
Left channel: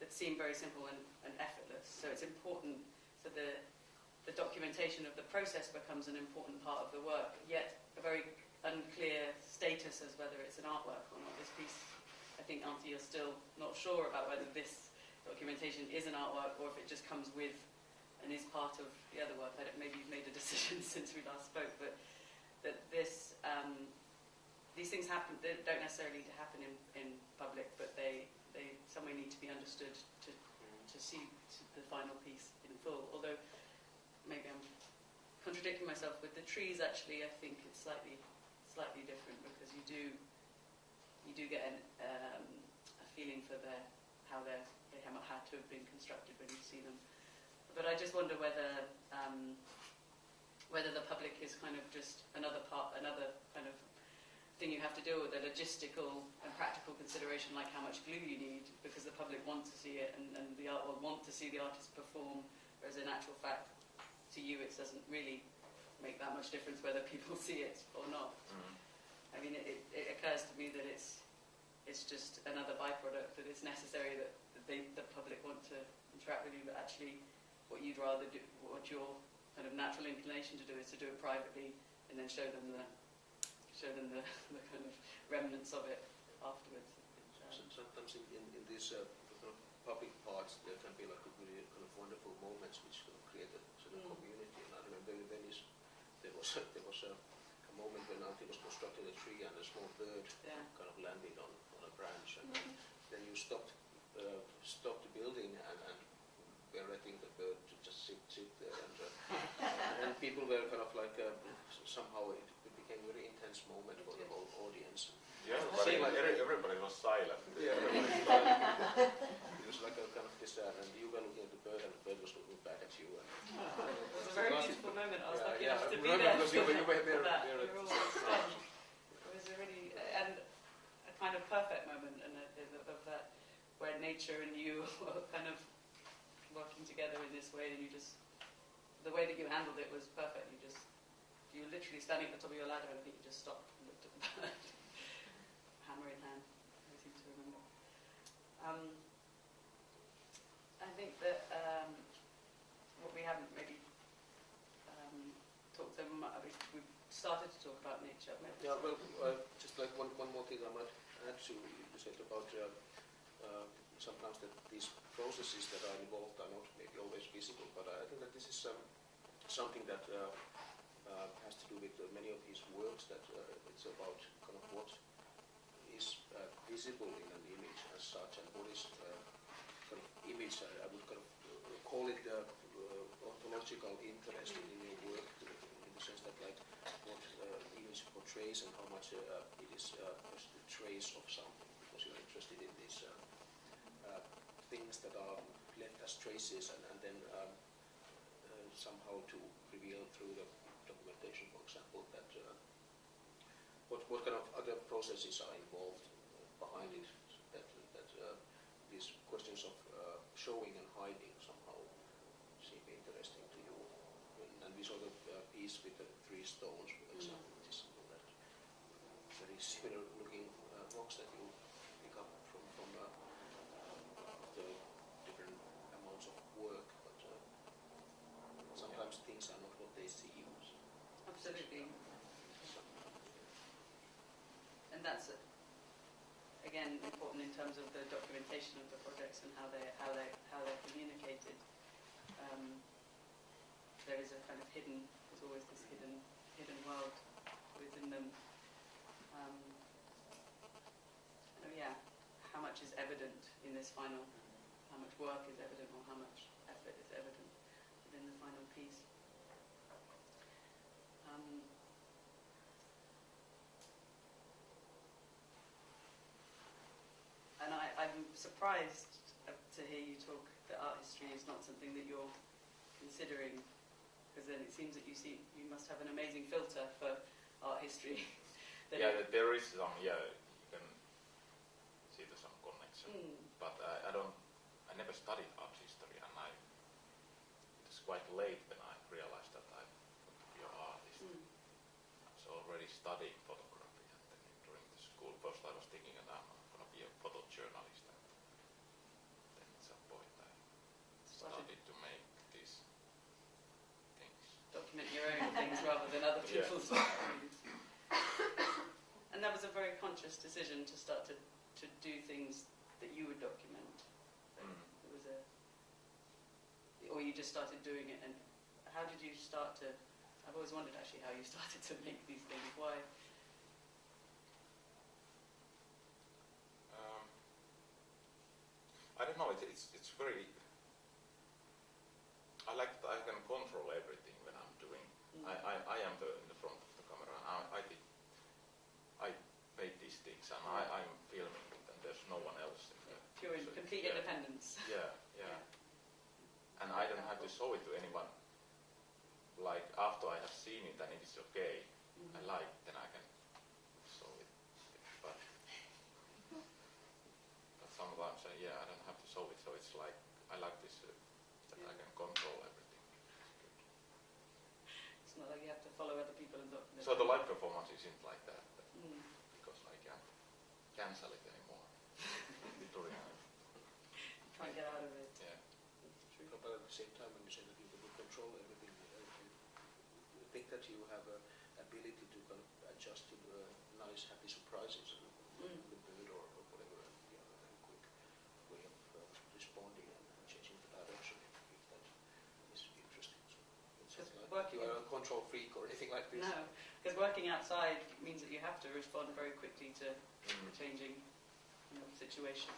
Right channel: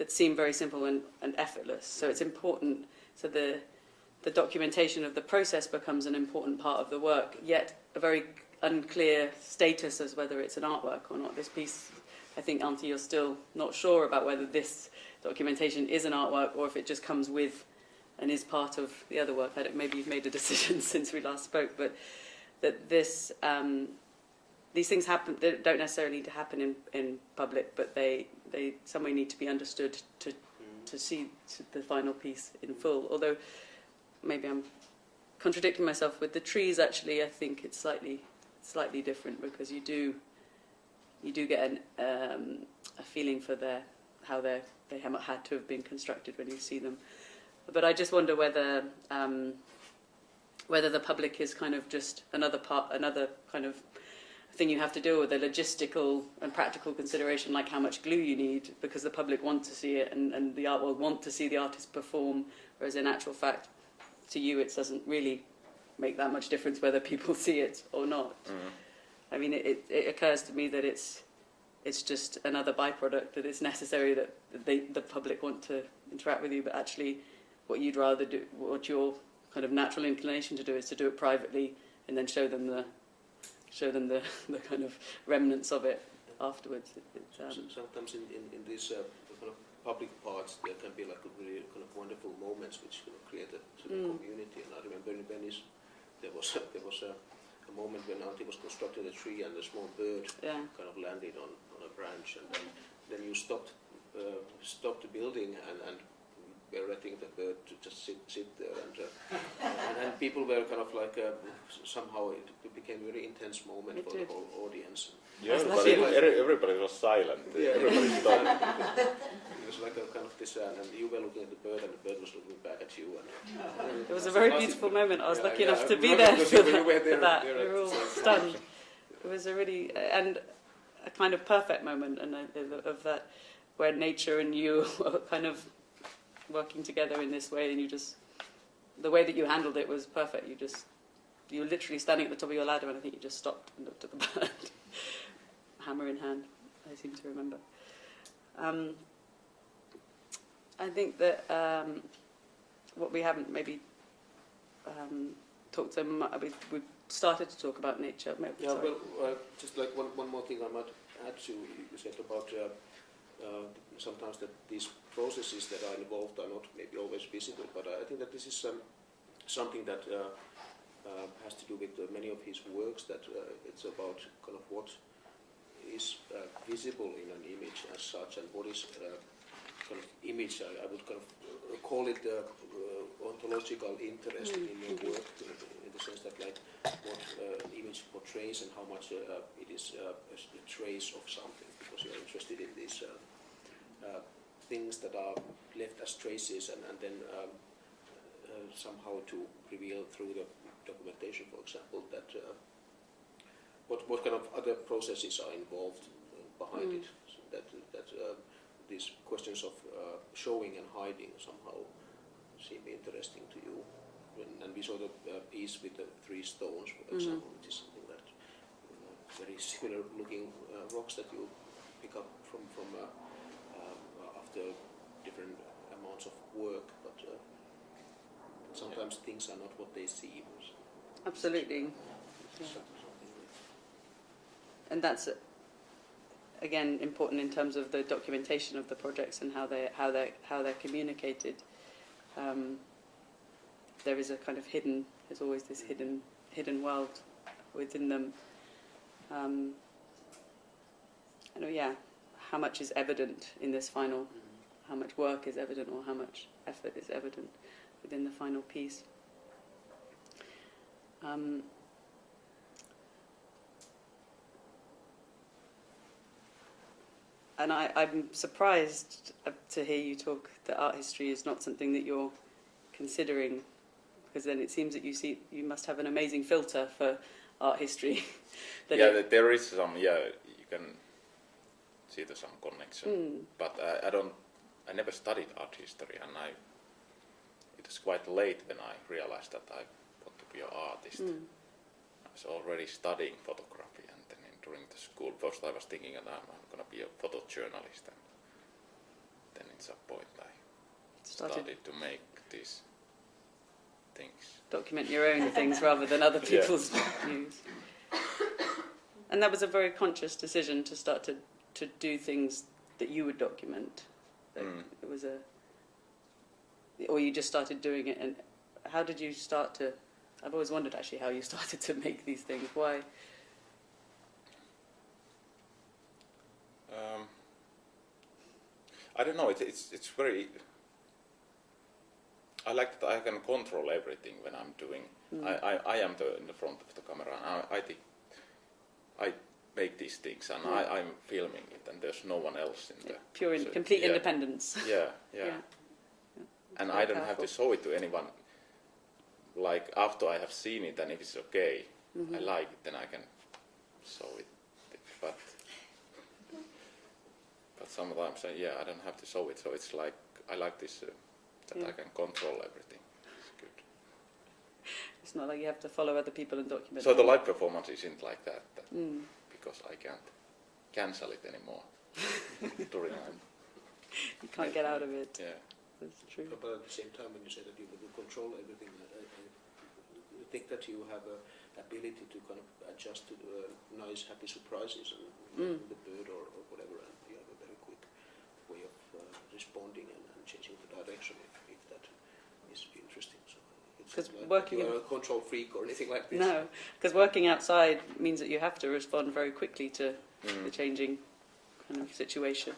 seem very simple and effortless. So it's important. So the documentation of the process becomes an important part of the work, yet a very unclear status as whether it's an artwork or not. This piece, I think, Antti, you're still not sure about whether this documentation is an artwork or if it just comes with and is part of the other work. Maybe you've made a decision since we last spoke, but that these things happen. They don't necessarily need to happen in public, but they someway need to be understood to see the final piece in full. Although maybe I'm contradicting myself with the trees. Actually, I think it's slightly different, because you do you do get a feeling for how they had to have been constructed when you see them. But I just wonder whether the public is kind of just another kind of thing you have to deal with, a logistical and practical consideration, like how much glue you need, because the public want to see it and the art world want to see the artist perform, whereas in actual fact, to you, it doesn't really make that much difference whether people see it or not. I mean, it occurs to me that it's just another byproduct, that it's necessary that the public want to interact with you, but actually what you'd rather do, what your kind of natural inclination to do, is to do it privately and then show them the kind of remnants of it afterwards. Sometimes in these kind of public parts there can be like really kind of wonderful moments which kind of create a sort of community. And I remember in Venice there was a moment when Antti was constructing a tree and a small bird kind of landed on a branch, and then you stopped the building and were letting the bird to just sit there, and people were kind of like somehow it became a very intense moment for the whole audience. Yeah, everybody was silent. Yeah, Everybody stopped. It was like a kind of this, and you were looking at the bird, and the bird was looking back at you. And it was a very beautiful moment. I was lucky enough to be I there remember for when you were there, that. there We were all stunned. It was a really and a kind of perfect moment, and of that, where nature and you are kind of working together in this way, and the way that you handled it was perfect. You were literally standing at the top of your ladder, and I think you just stopped and looked at the bird, hammer in hand, I seem to remember. I think that what we haven't maybe talked so much, we've started to talk about nature. Yeah, well, just like one more thing I might add to you said about sometimes that these processes that are involved are not maybe always visible, but I think that this is something that has to do with many of his works, that it's about kind of what is visible in an image as such, and what is kind of image. I would kind of call it ontological interest in your work, in the sense that like what image portrays and how much it is a trace of something, because you're interested in these things that are left as traces and then somehow to reveal through the documentation, for example, that what kind of other processes are involved behind it, so that these questions of showing and hiding somehow seem interesting to you. And we saw the piece with the 3 stones, for example, which is something that very similar looking rocks that you pick up from after different amounts of work, but sometimes things are not what they seem. Absolutely. Yeah. And that's again important in terms of the documentation of the projects and how they're communicated. There is a kind of there's always this hidden world within them. And how much is evident in this final, how much work is evident, or how much effort is evident within the final piece. And I'm surprised to hear you talk that art history is not something that you're considering, because then it seems that you must have an amazing filter for art history. There is some. You can see there's some connection, but I never studied art history, and it was quite late when I realized that I want to be an artist. I was already studying photography, and then during the school, first I was thinking that I'm going to be a photojournalist, and then at some point I started to make these things. Document your own things rather than other people's views. And that was a very conscious decision to start to do things that you would document. It was or you just started doing it, and how did you start to? I've always wondered actually how you started to make these things. Why? I don't know. It's very. I like that I can control everything when I'm doing. I am in the front of the camera, and I think make these things, and I'm filming it, and there's no one else in there. Pure, So, complete yeah. independence. Yeah. Yeah. And Very I don't have powerful. to show it to anyone. Like after I have seen it, and if it's okay, Mhm. I like it, then I can show it. But sometimes I don't have to show it. So it's like I like this that I can control everything. It's good. It's not like you have to follow other people and document. So the live performance isn't like that Mm. because I can't cancel it anymore during time. You can't get out of it. Yeah. That's true. But at the same time, when you say that you will control everything, I think that you have a ability to kind of adjust to the nice, happy surprises and the bird or whatever, and you have a very quick way of responding and changing the direction if that is interesting. So it's 'Cause not like working you're in- a control freak or anything like this. No, because working outside means that you have to respond very quickly to the changing kind of situation.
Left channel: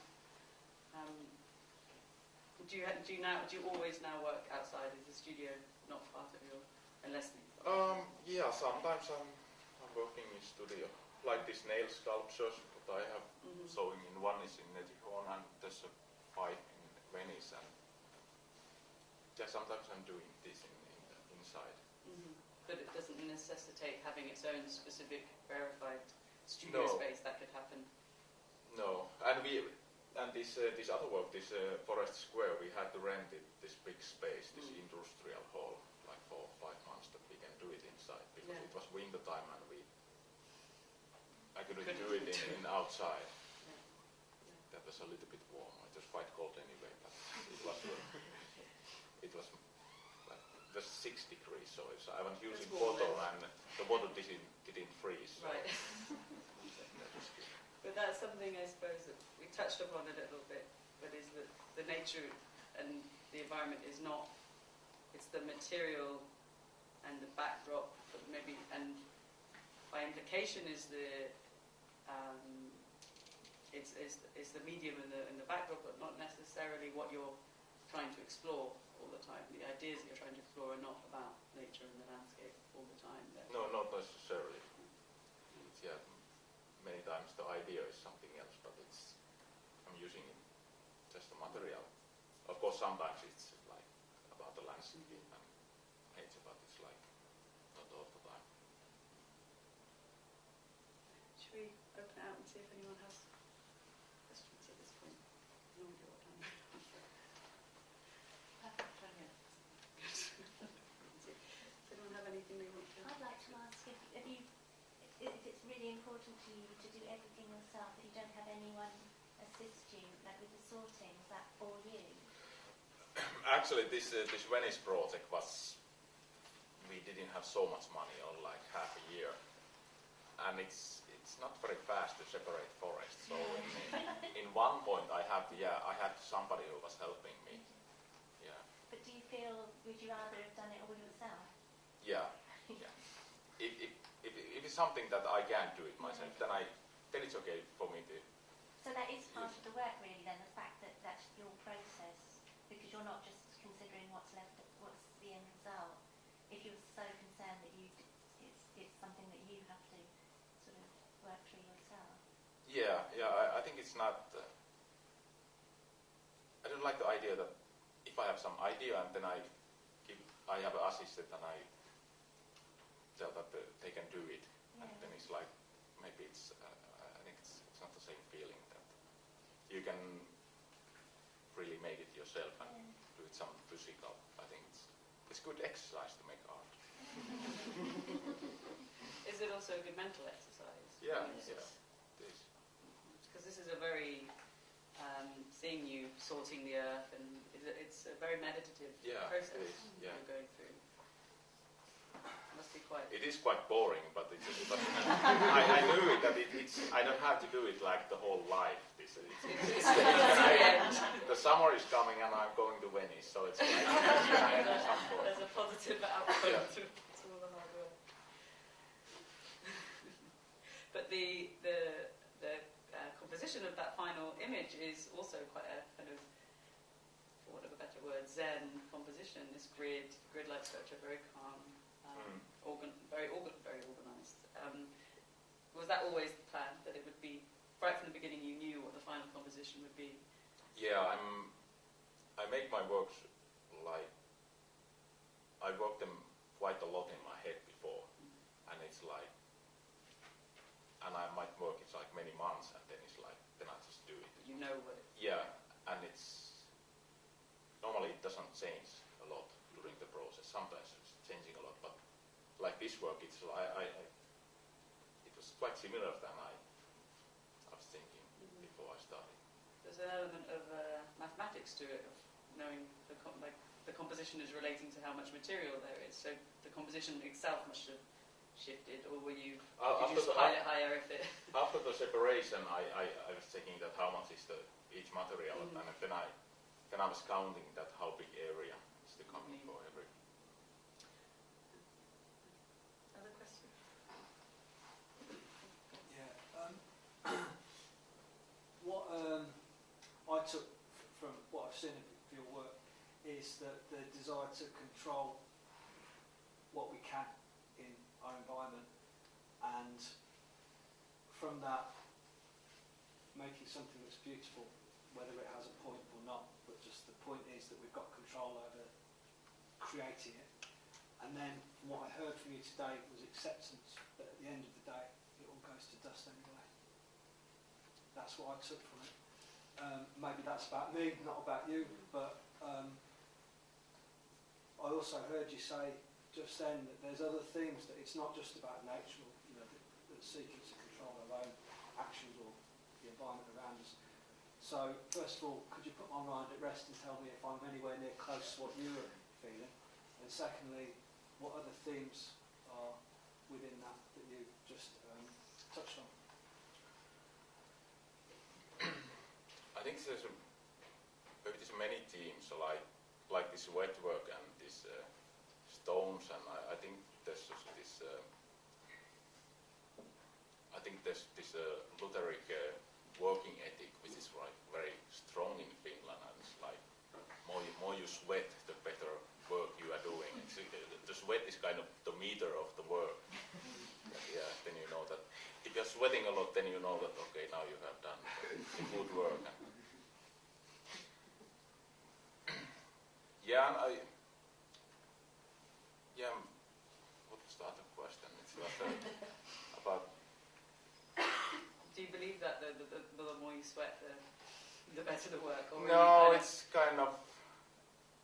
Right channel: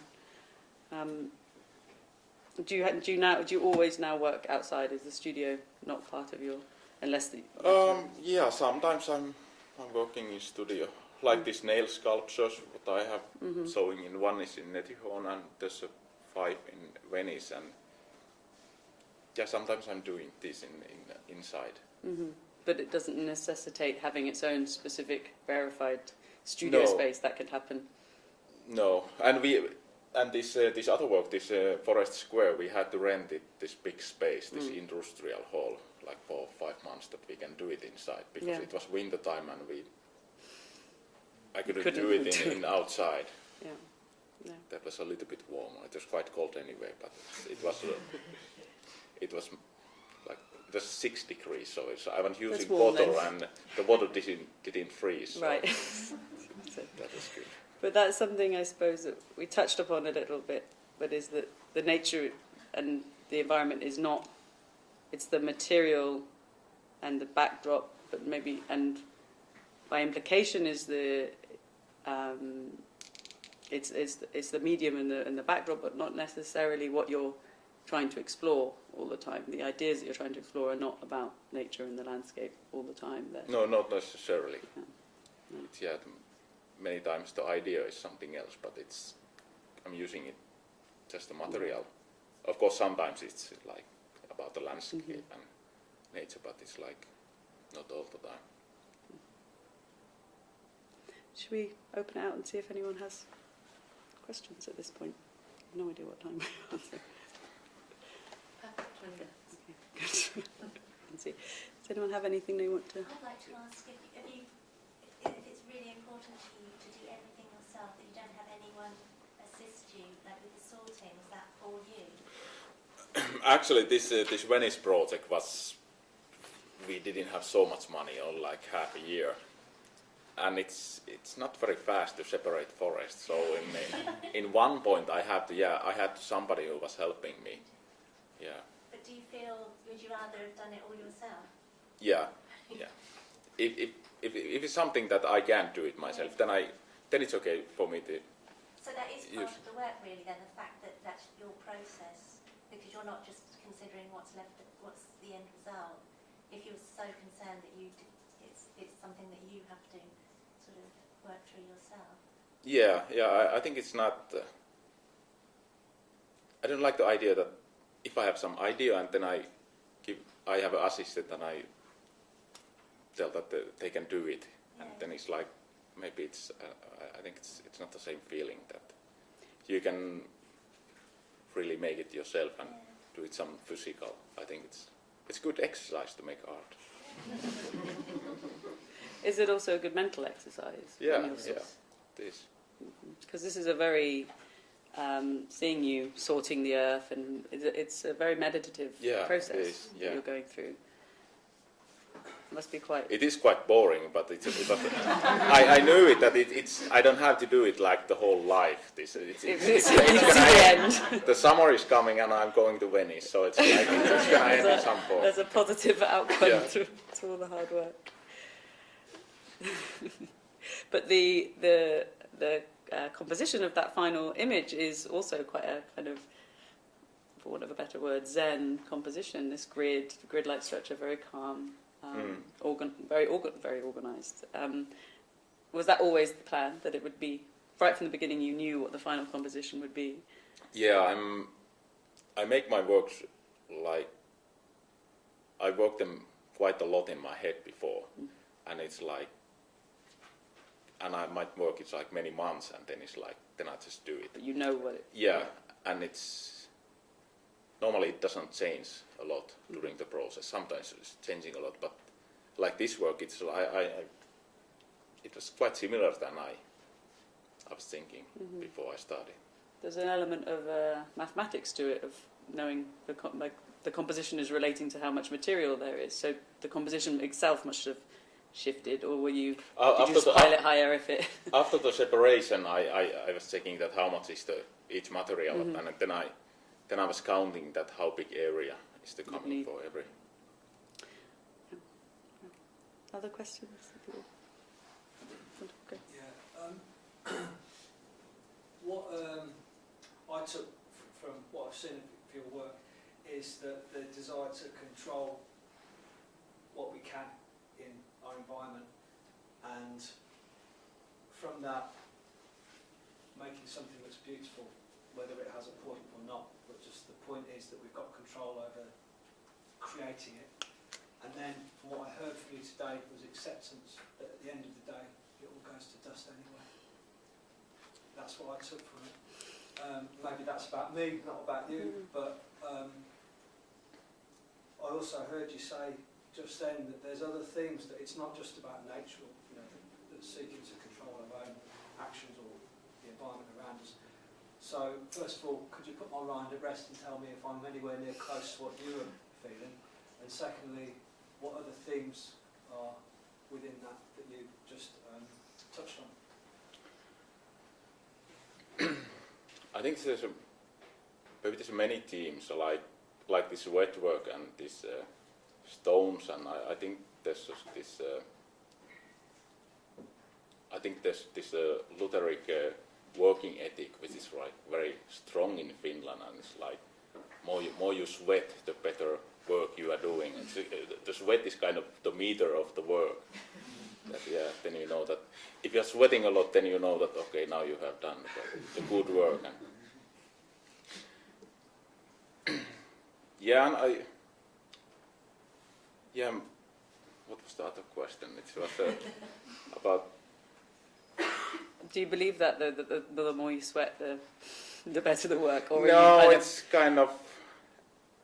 Do you always now work outside? Is the studio not part of your, unless the? Yeah, sometimes I'm working in studio. Like these nail sculptures, what I have showing in one is in Netihon, and there's a 5 in Venice, and yeah, sometimes I'm doing this inside. But it doesn't necessitate having its own specific verified studio No. space. That could happen. No, and this other work, this Forest Square, we had to rent it, this big space, this industrial hall, like for 5 months that we can do it inside because Yeah. it was winter time and I couldn't Couldn't do it do in outside. Yeah. No. That was a little bit warmer. It was quite cold anyway, but it was it was like it was 6 degrees, so I was using warm water then. and the water didn't freeze. So Right. that was good. But that's something I suppose that we touched upon a little bit, but is that the nature and the environment is not, it's the material and the backdrop, but maybe, and by implication is it's the medium and the backdrop, but not necessarily what you're trying to explore all the time. The ideas that you're trying to explore are not about nature and the landscape all the time. No, not necessarily. Yeah. Many times the idea is something else, but I'm using it just the material. Of course, sometimes it's like about the landscape and nature, but it's like not all the time. Should we open it out and see if anyone has questions at this point? No idea what time we're on. So. Good. Let's see. Does anyone have anything they want to? I'd like to ask if it's really important to you to do everything yourself, that you don't have anyone assist you, like with the sorting. Is that all you? Actually, this Venice project we didn't have so much money, or like half a year, and it's not very fast to separate forests. So in one point I had somebody who was helping me. Yeah. But do you feel, would you rather have done it all yourself? Yeah. If it's something that I can't do it myself, then it's okay for me to. So that is part Yes. of the work, really. Then the fact that that's your process, because you're not just considering what's the end result. If you're so concerned that it's something that you have to sort of work through yourself. Yeah. I think it's not. I don't like the idea that if I have some idea and then I have an assistant and I tell that they can do it, and then it's like maybe it's. I think it's not the same feeling that you can really make it yourself and do it some physical. I think it's good exercise to make art. Is it also a good mental exercise? Yeah. This. Because this is a very seeing you sorting the earth, and it's a very meditative process it is, that you're going through. Must be quite. It is quite boring, but I knew it that it's. I don't have to do it like the whole life. It's the end. the summer is coming and I'm going to Venice, so it's like it's going to end at some point. There's a positive outcome Yeah. through all the hard work. But the composition of that final image is also quite a kind of, for want of a better word, Zen composition. This grid-like structure, very calm, very organised. was that always the plan, that it would be, right from the beginning you knew what the final composition would be? Yeah, I make my works like, I work them quite a lot in my head before, and it's like, and I might work it's like many months, and then it's like, then I just do it. But you know what it... Yeah, and it's, normally it doesn't change a lot during the process. Sometimes it's changing a lot, but like this work, it's it was quite similar than I was thinking before I started. There's an element of mathematics to it, of knowing the composition is relating to how much material there is. So the composition itself must have shifted, or were you, did you just pile it higher if it... After the separation, I was checking that how much is each material, and then I was counting that how big area is the coming for every. Other questions? Okay. Yeah. What I took from what I've seen of your work is that the desire to control what we can in our environment, and from that making something that's beautiful, whether it has a point or not, but just the point is that we've got control over creating it. And then from what I heard from you today was acceptance that at the end of the day it all goes to dust anyway. That's what I took from it. Maybe that's about me, not about you, but I also heard you say just then that there's other themes, that it's not just about nature, you know, that seeking to control our own actions or the environment around us. So first of all, could you put my mind at rest and tell me if I'm anywhere near close to what you're feeling? And secondly, what other themes are within that you just touched on? I think there's many themes like this wet work and this stones, and I think there's this. I think there's this Lutheric working ethic, which is like very strong in Finland, and it's like more you sweat, the better work you are doing. And the sweat is kind of the meter of the work. Then you know that if you're sweating a lot, then you know that okay, now you have done the good work. And what was the other question? It was about. Do you believe that the more you sweat, the better the work? Or No, it's kind of,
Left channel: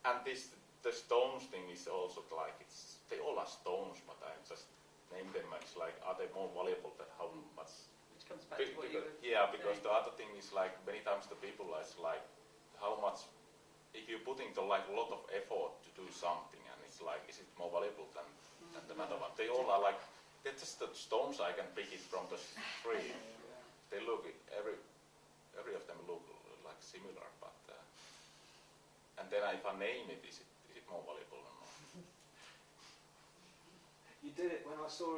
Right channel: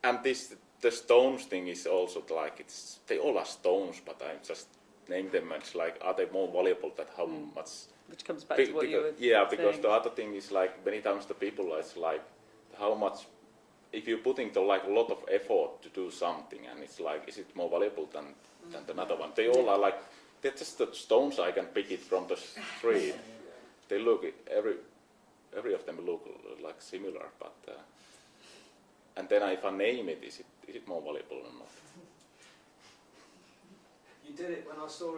and the stones thing is also like they all are stones, but I just name them. It's like, are they more valuable than how much? Which comes back to what you were because saying. the other thing is like many times the people it's like how much. If you're putting a lot of effort to do something, and it's like, is it more valuable than another one? They all are like, they're just the stones I can pick it from the street. They look, every of them look like similar, but and then if I name it, is it more valuable or not? You did it when I saw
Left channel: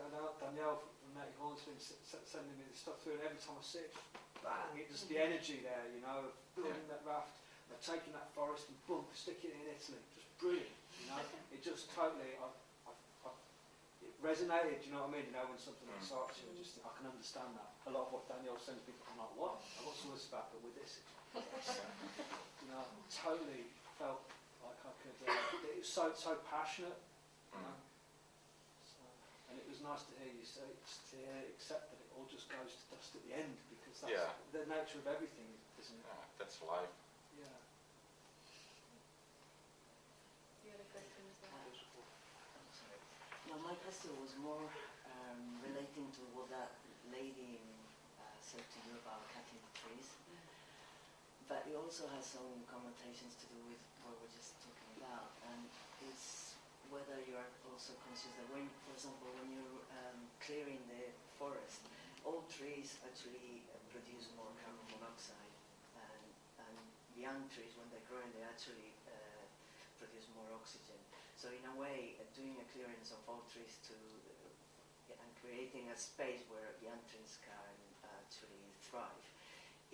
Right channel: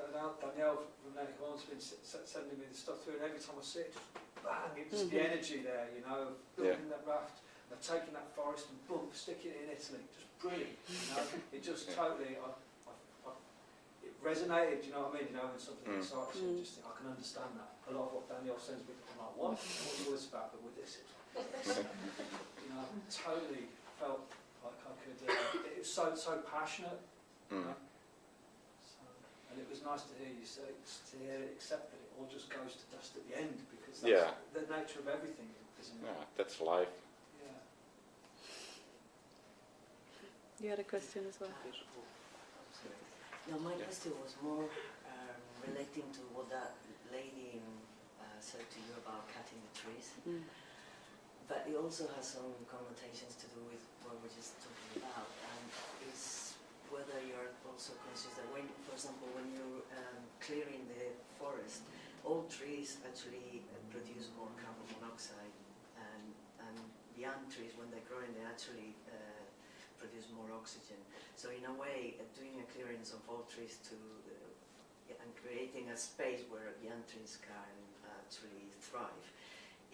Danielle from Native Hornsby sending me the stuff through, and every time I see it, bang, it's the energy there, you know, of building that raft, of taking that forest and boom, sticking it in Italy, just brilliant, you know, it just totally, it resonated, you know what I mean, you know, when something excites you, just I can understand that. A lot of what Danielle sends me, I'm like, what's all this about, but with this, you know, totally felt like I could, it was so passionate, you know. And it was nice to hear you say, accept that it all just goes to dust at the end, because that's the nature of everything, isn't it? Yeah, that's life. Yeah. You had a question as well? No, my question was more relating to what that lady said to you about cutting the trees. But it also has some connotations to do with what we're just talking about, and is whether you're also conscious that when, for example, when you're clearing the forest, old trees actually produce more carbon monoxide, and young trees, when they're growing, they actually produce more oxygen. So in a way, doing a clearance of old trees and creating a space where young trees can actually thrive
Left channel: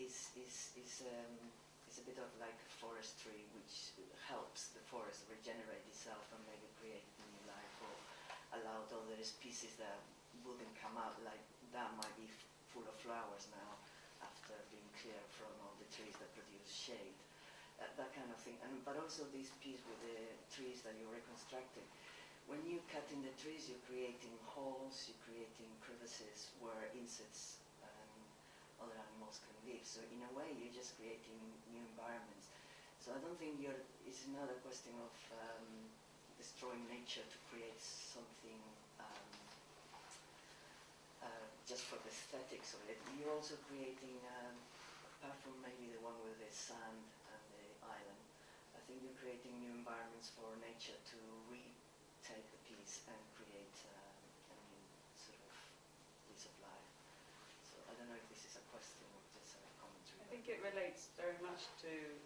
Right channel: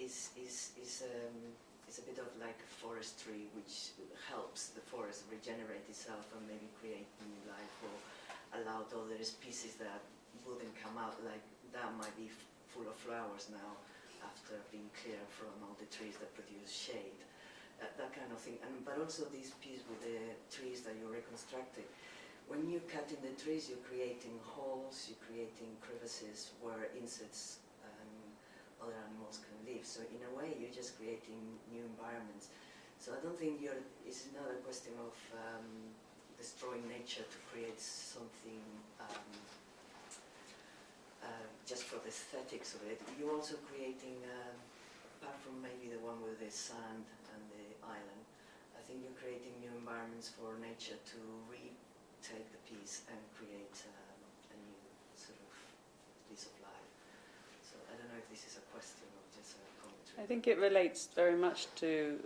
is a bit of like forestry, which helps the forest regenerate itself and maybe create new life, or allow other species that wouldn't come out, like that might be full of flowers now after being cleared from all the trees that produce shade, that kind of thing. But also this piece with the trees that you're reconstructing. When you're cutting the trees, you're creating holes, you're creating crevices where insects and other animals can live. So in a way, you're just creating new environments. So I don't think it's not a question of destroying nature to create something just for the aesthetics of it. You're also creating, apart from maybe the one with the sand and the island, I think you're creating new environments for nature to retake the piece and create a new sort of piece of life. So I don't know if this is a question or just a commentary. I think it relates very much to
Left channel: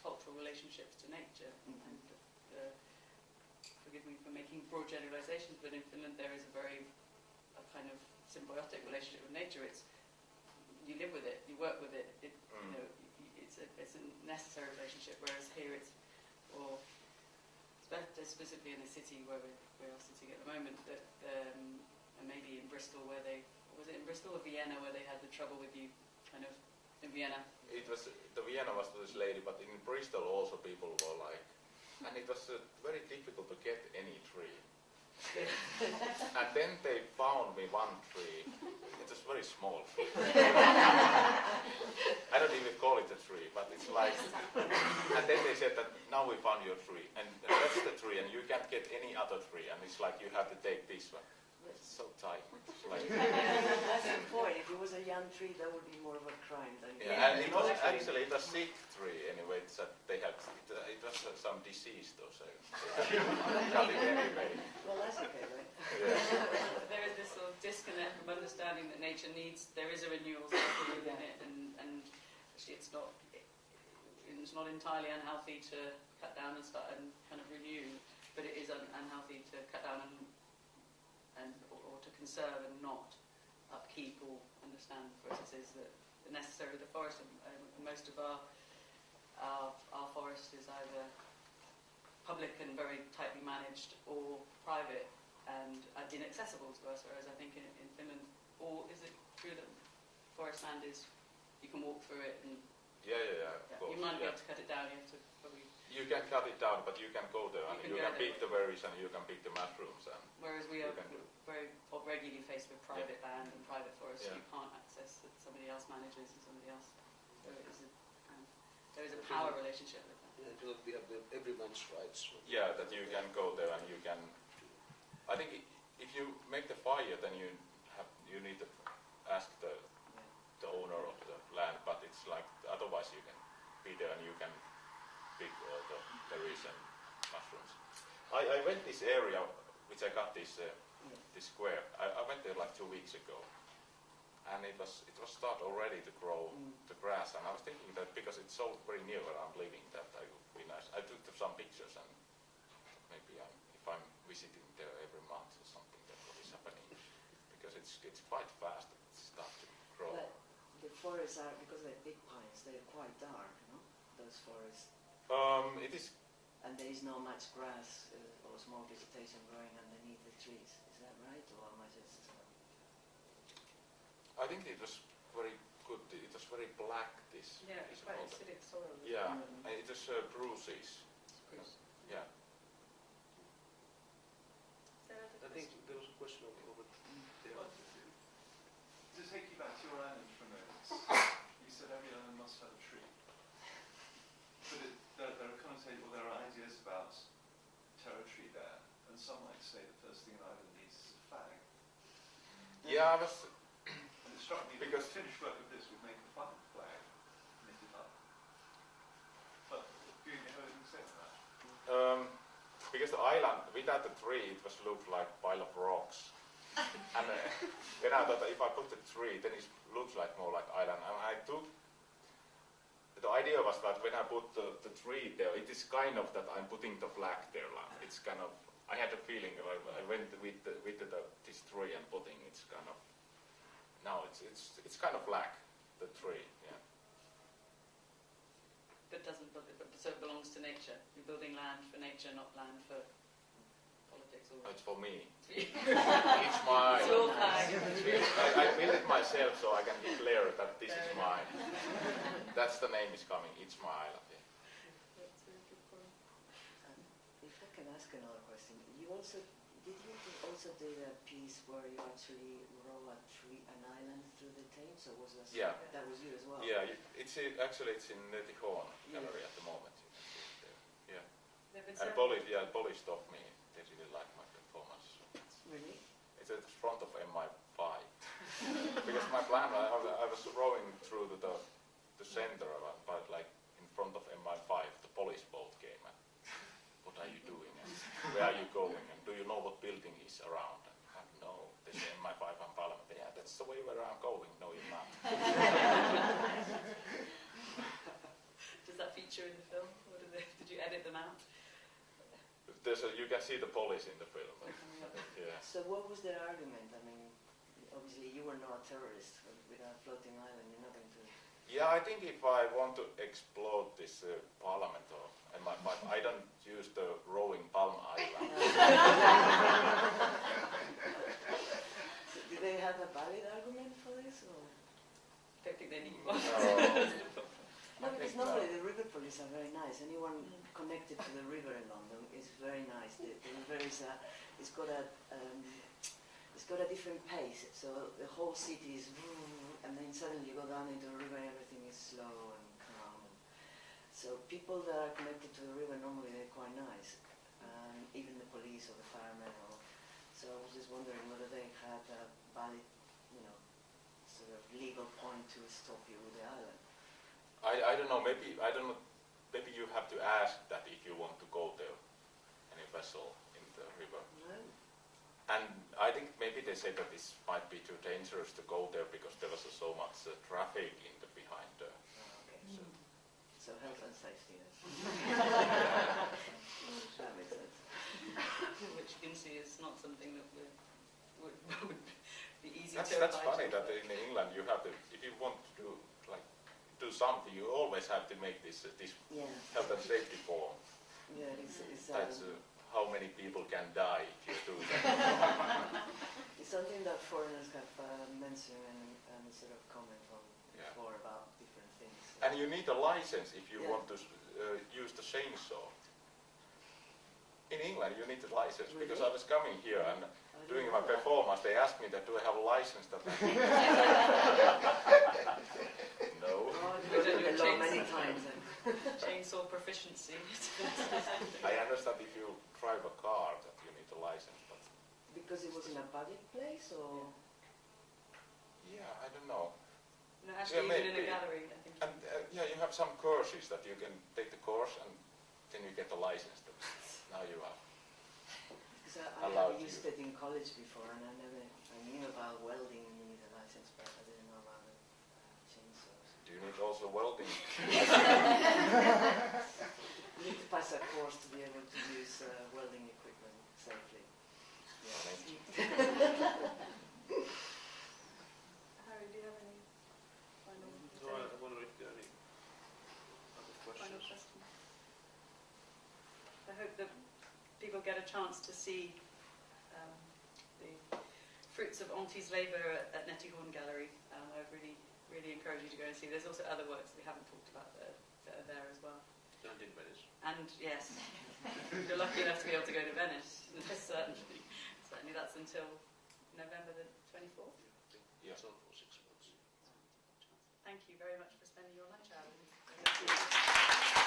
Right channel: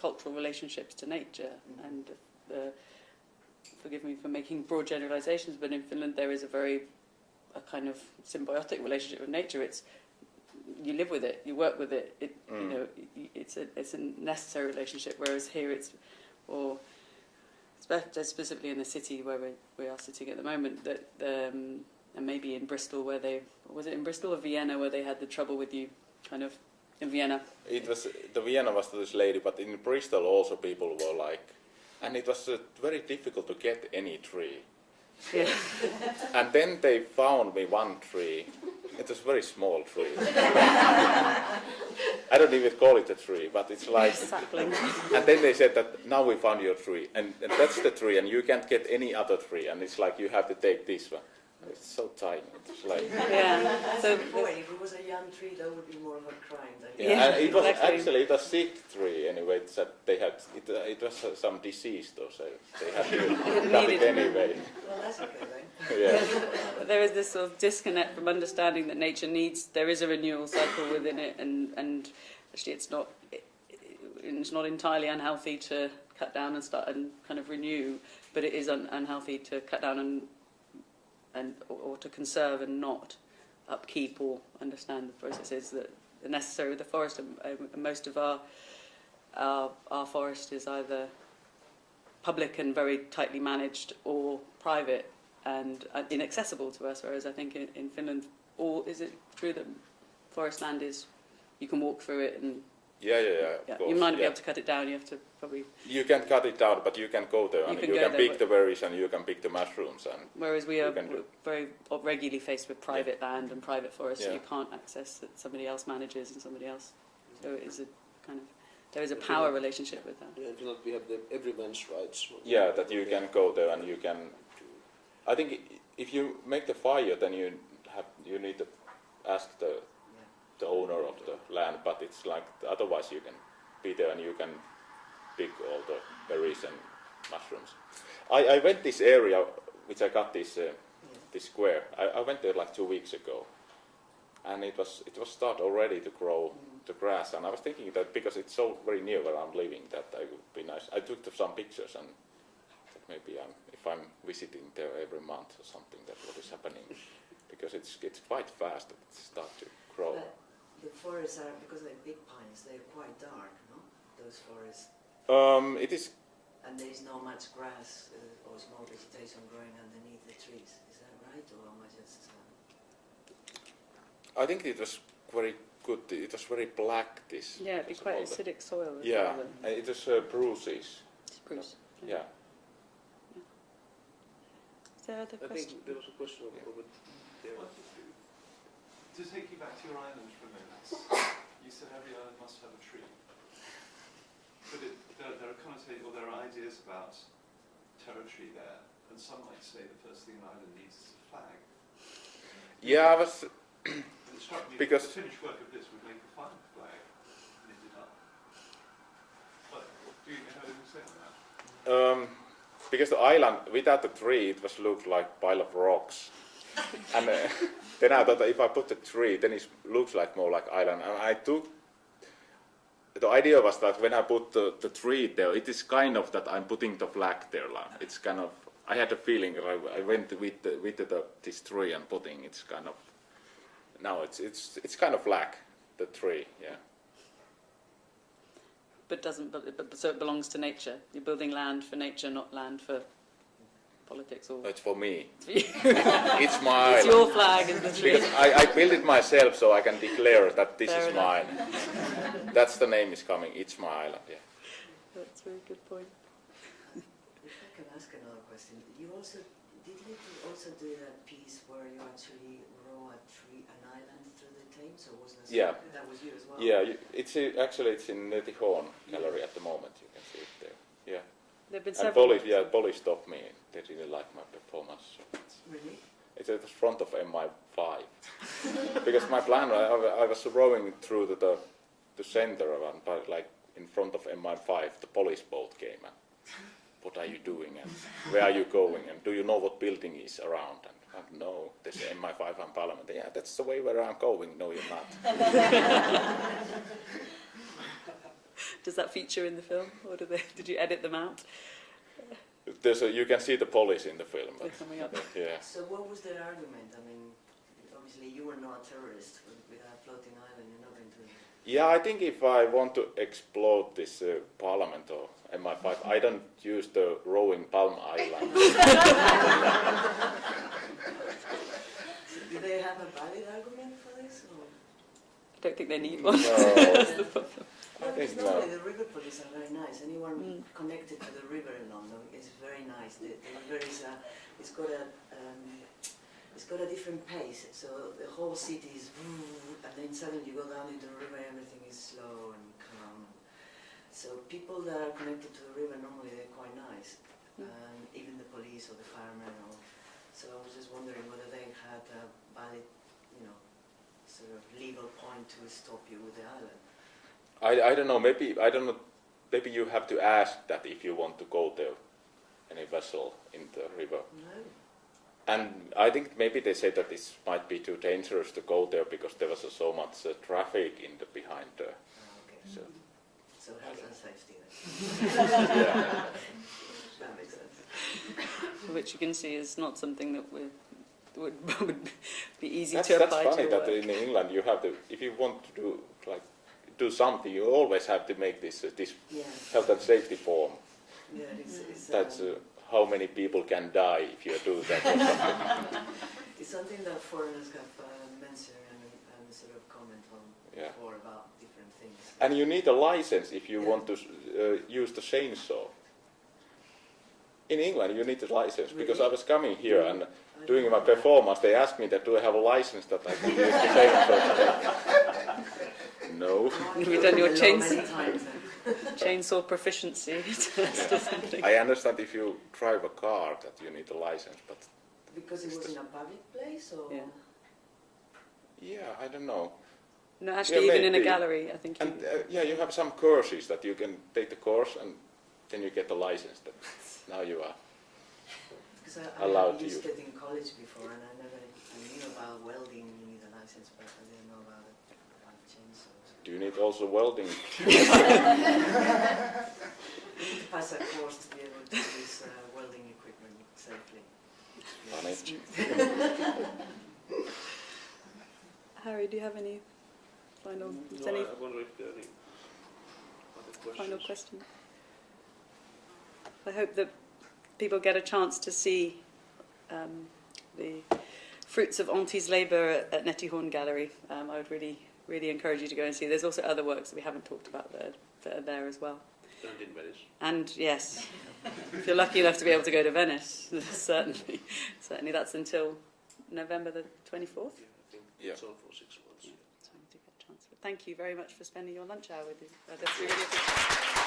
cultural relationships to nature, and forgive me for making broad generalizations, but in Finland there is a kind of symbiotic relationship with nature. It's you live with it, you work with it. You know, it's a necessary relationship. Whereas here it's, or specifically in the city where we are sitting at the moment, that and maybe in Bristol where was it in Bristol or Vienna where they had the trouble with you, kind of in Vienna. It was the Vienna was this lady, but in Bristol also people were like, and it was very difficult to get any tree. Yeah. And then they found me one tree. It was a very small tree. I don't even call it a tree, but it's like. Sapling. And then they said that now we found your tree, and that's the tree, and you can't get any other tree, and it's like you have to take this one. It's so tiny. It's like. Yeah. So Boy, if it was a young tree, that would be more of a crime. Yeah, and it was exactly. actually it was sick tree anyway. It's that they had it was some disease though, so they had to cut it anyway. Well, that's okay then. Yeah. there is this sort of disconnect from understanding that nature there is a renewal cycle within it, and actually it's not entirely unhealthy to cut down and start and kind of renew, but it is unhealthy to cut down or to conserve and not upkeep or understand the processes that are necessary with the forest. And most of our forest is either public and very tightly managed, or private and inaccessible to us. Whereas I think in Finland, or is it true that forest land is you can walk through it and Yeah, of course. you might not be able to cut it down. You have to probably. You can cut it down, but you can go there and you can pick the berries and you can pick the mushrooms. And whereas we are very regularly faced with private land and private forests that Yeah. you can't access, that somebody else manages and somebody else. So it is a kind of there is a power relationship with that. Yeah, in Finland we have the everyone's rights. yeah, that you can go there and you can. I think if you make the fire, then you need to ask the owner of the land, but it's like otherwise you can be there and you can pick all the berries and mushrooms. I went this area which I got this square. I went there like 2 weeks ago, and it was start already to grow the grass, and I was thinking that because it's so very near where I'm living, that it would be nice. I took some pictures and maybe if I'm visiting there every month or something, that's what is happening, because it's quite fast that it starts to grow. But the forests are, because they're big pines, they're quite dark, no? Those forests. It is. And there is not much grass or small vegetation growing underneath the trees. Is that right, or am I just? I think it was very good. It was very black. This. Yeah, it'd be quite acidic soil. Yeah, and it was bruises. Spruce. Yeah. Is there other I questions? think there was a question over there. To take you back to your island for a minute, you said every island must have a tree. But there are connotations, well, there are ideas about territory there, and some might say the first thing the island needs is a flag. Yeah, I was. And it struck me Because- that the finished work of this would make a fine flag, knitted up. But do you have anything to say about that? Because the island, without the tree, it was looked like a pile of rocks. And then I thought that if I put the tree, then it looks like more like island. And I took. The idea was that when I put the tree there, it is kind of that I'm putting the flag there. Like, it's kind of. I had a feeling. I went with this tree and putting. It's kind of. Now it's kind of flag, the tree. Yeah. But so it belongs to nature. You're building land for nature, not land for politics or? It's for me. It's for you. It's my It's island. your flag, isn't it? Because I built it myself, so I can declare that this Fair is enough. mine. That's the name is coming. It's my island. Yeah. That's a very good point. If I can ask another question, you also also do that piece where you actually row an island through the Thames, or was that Yeah. that was you as well? Yeah. Actually it's in the Horn Gallery at the moment. You can see it there. Yeah. There've been And several. police stopped me. They didn't like my performance. So Really? it's at the front of MI5. Because my plan, I was rowing through the center of it, but like in front of MI5, the police boat came and what are you doing and where are you going and do you know what building is around? And no, there's MI5 and Parliament. Yeah, that's the way where I'm going. No, you're not. Does that feature in the film, or did you edit them out? You can see the police in the film. There's something up. Yeah. So what was their argument? I mean, obviously you were not a terrorist with a floating island. You're not going to. Yeah, I think if I want to explode this Parliament or MI5, I don't use the rowing Palm Island. So do they have a valid argument for this? Or? I don't think they need one. No. Well, think because normally no. the river police are very nice. Anyone connected to the river in London is very nice. The river is it's got a different pace. So the whole city is, and then suddenly you go down into the river, everything is slow and calm. So people that are connected to the river normally they're quite nice, even the police or the firemen. So I was just wondering whether they had a valid, sort of legal point to stop you with the island. I don't know. Maybe you have to ask that if you want to go there, any vessel in the river. No. And I think maybe they said that this might be too dangerous to go there because there was so much traffic behind there. Okay. So, So health and safety then. yeah. That makes sense. Which you can see is not something that would be easy That's to apply funny to that work. in England you have to, if you want to do something, you always have to make this Yeah. health and safety form. Yeah, it's That's how many people can die if you do that. it's something that foreigners have mentioned and sort of comment on Yeah. before about different things. And you need a license if you Yeah. want to use the chainsaw. In England you need a license because I was coming here and doing my performance. They asked me that do I have a license that I can use the chainsaw. No. You've done your many times. chainsaw proficiency test or something. I understand if you drive a car that you need a license, but Because it was in a public place, or Yeah. yeah, I don't know. No, actually, Yeah, even in a maybe. gallery, I think. And yeah, you have some courses that you can take the course and then you get a license. That now you are. because allowed I to used use. it in college before, and I knew about welding. You need a license, but I didn't know about chainsaws. Do you need also welding? You need to pass a course to be able to use welding equipment safely. Funny. Harry, do you have any final, No, any I wonder if there are any other questions. final questions? I hope that people get a chance to see the fruits of Auntie's labour at Nettie Horn Gallery. I would really encourage you to go and see. There's also other works that we haven't talked about that are there as well. And in Venice. And yes, if you're lucky enough to be able to go to Venice, certainly that's until November the 24th. Yeah, I think Yeah. it's on for 6 months. So we do get a chance. But thank you very much for spending your lunch hour with us. That's really good.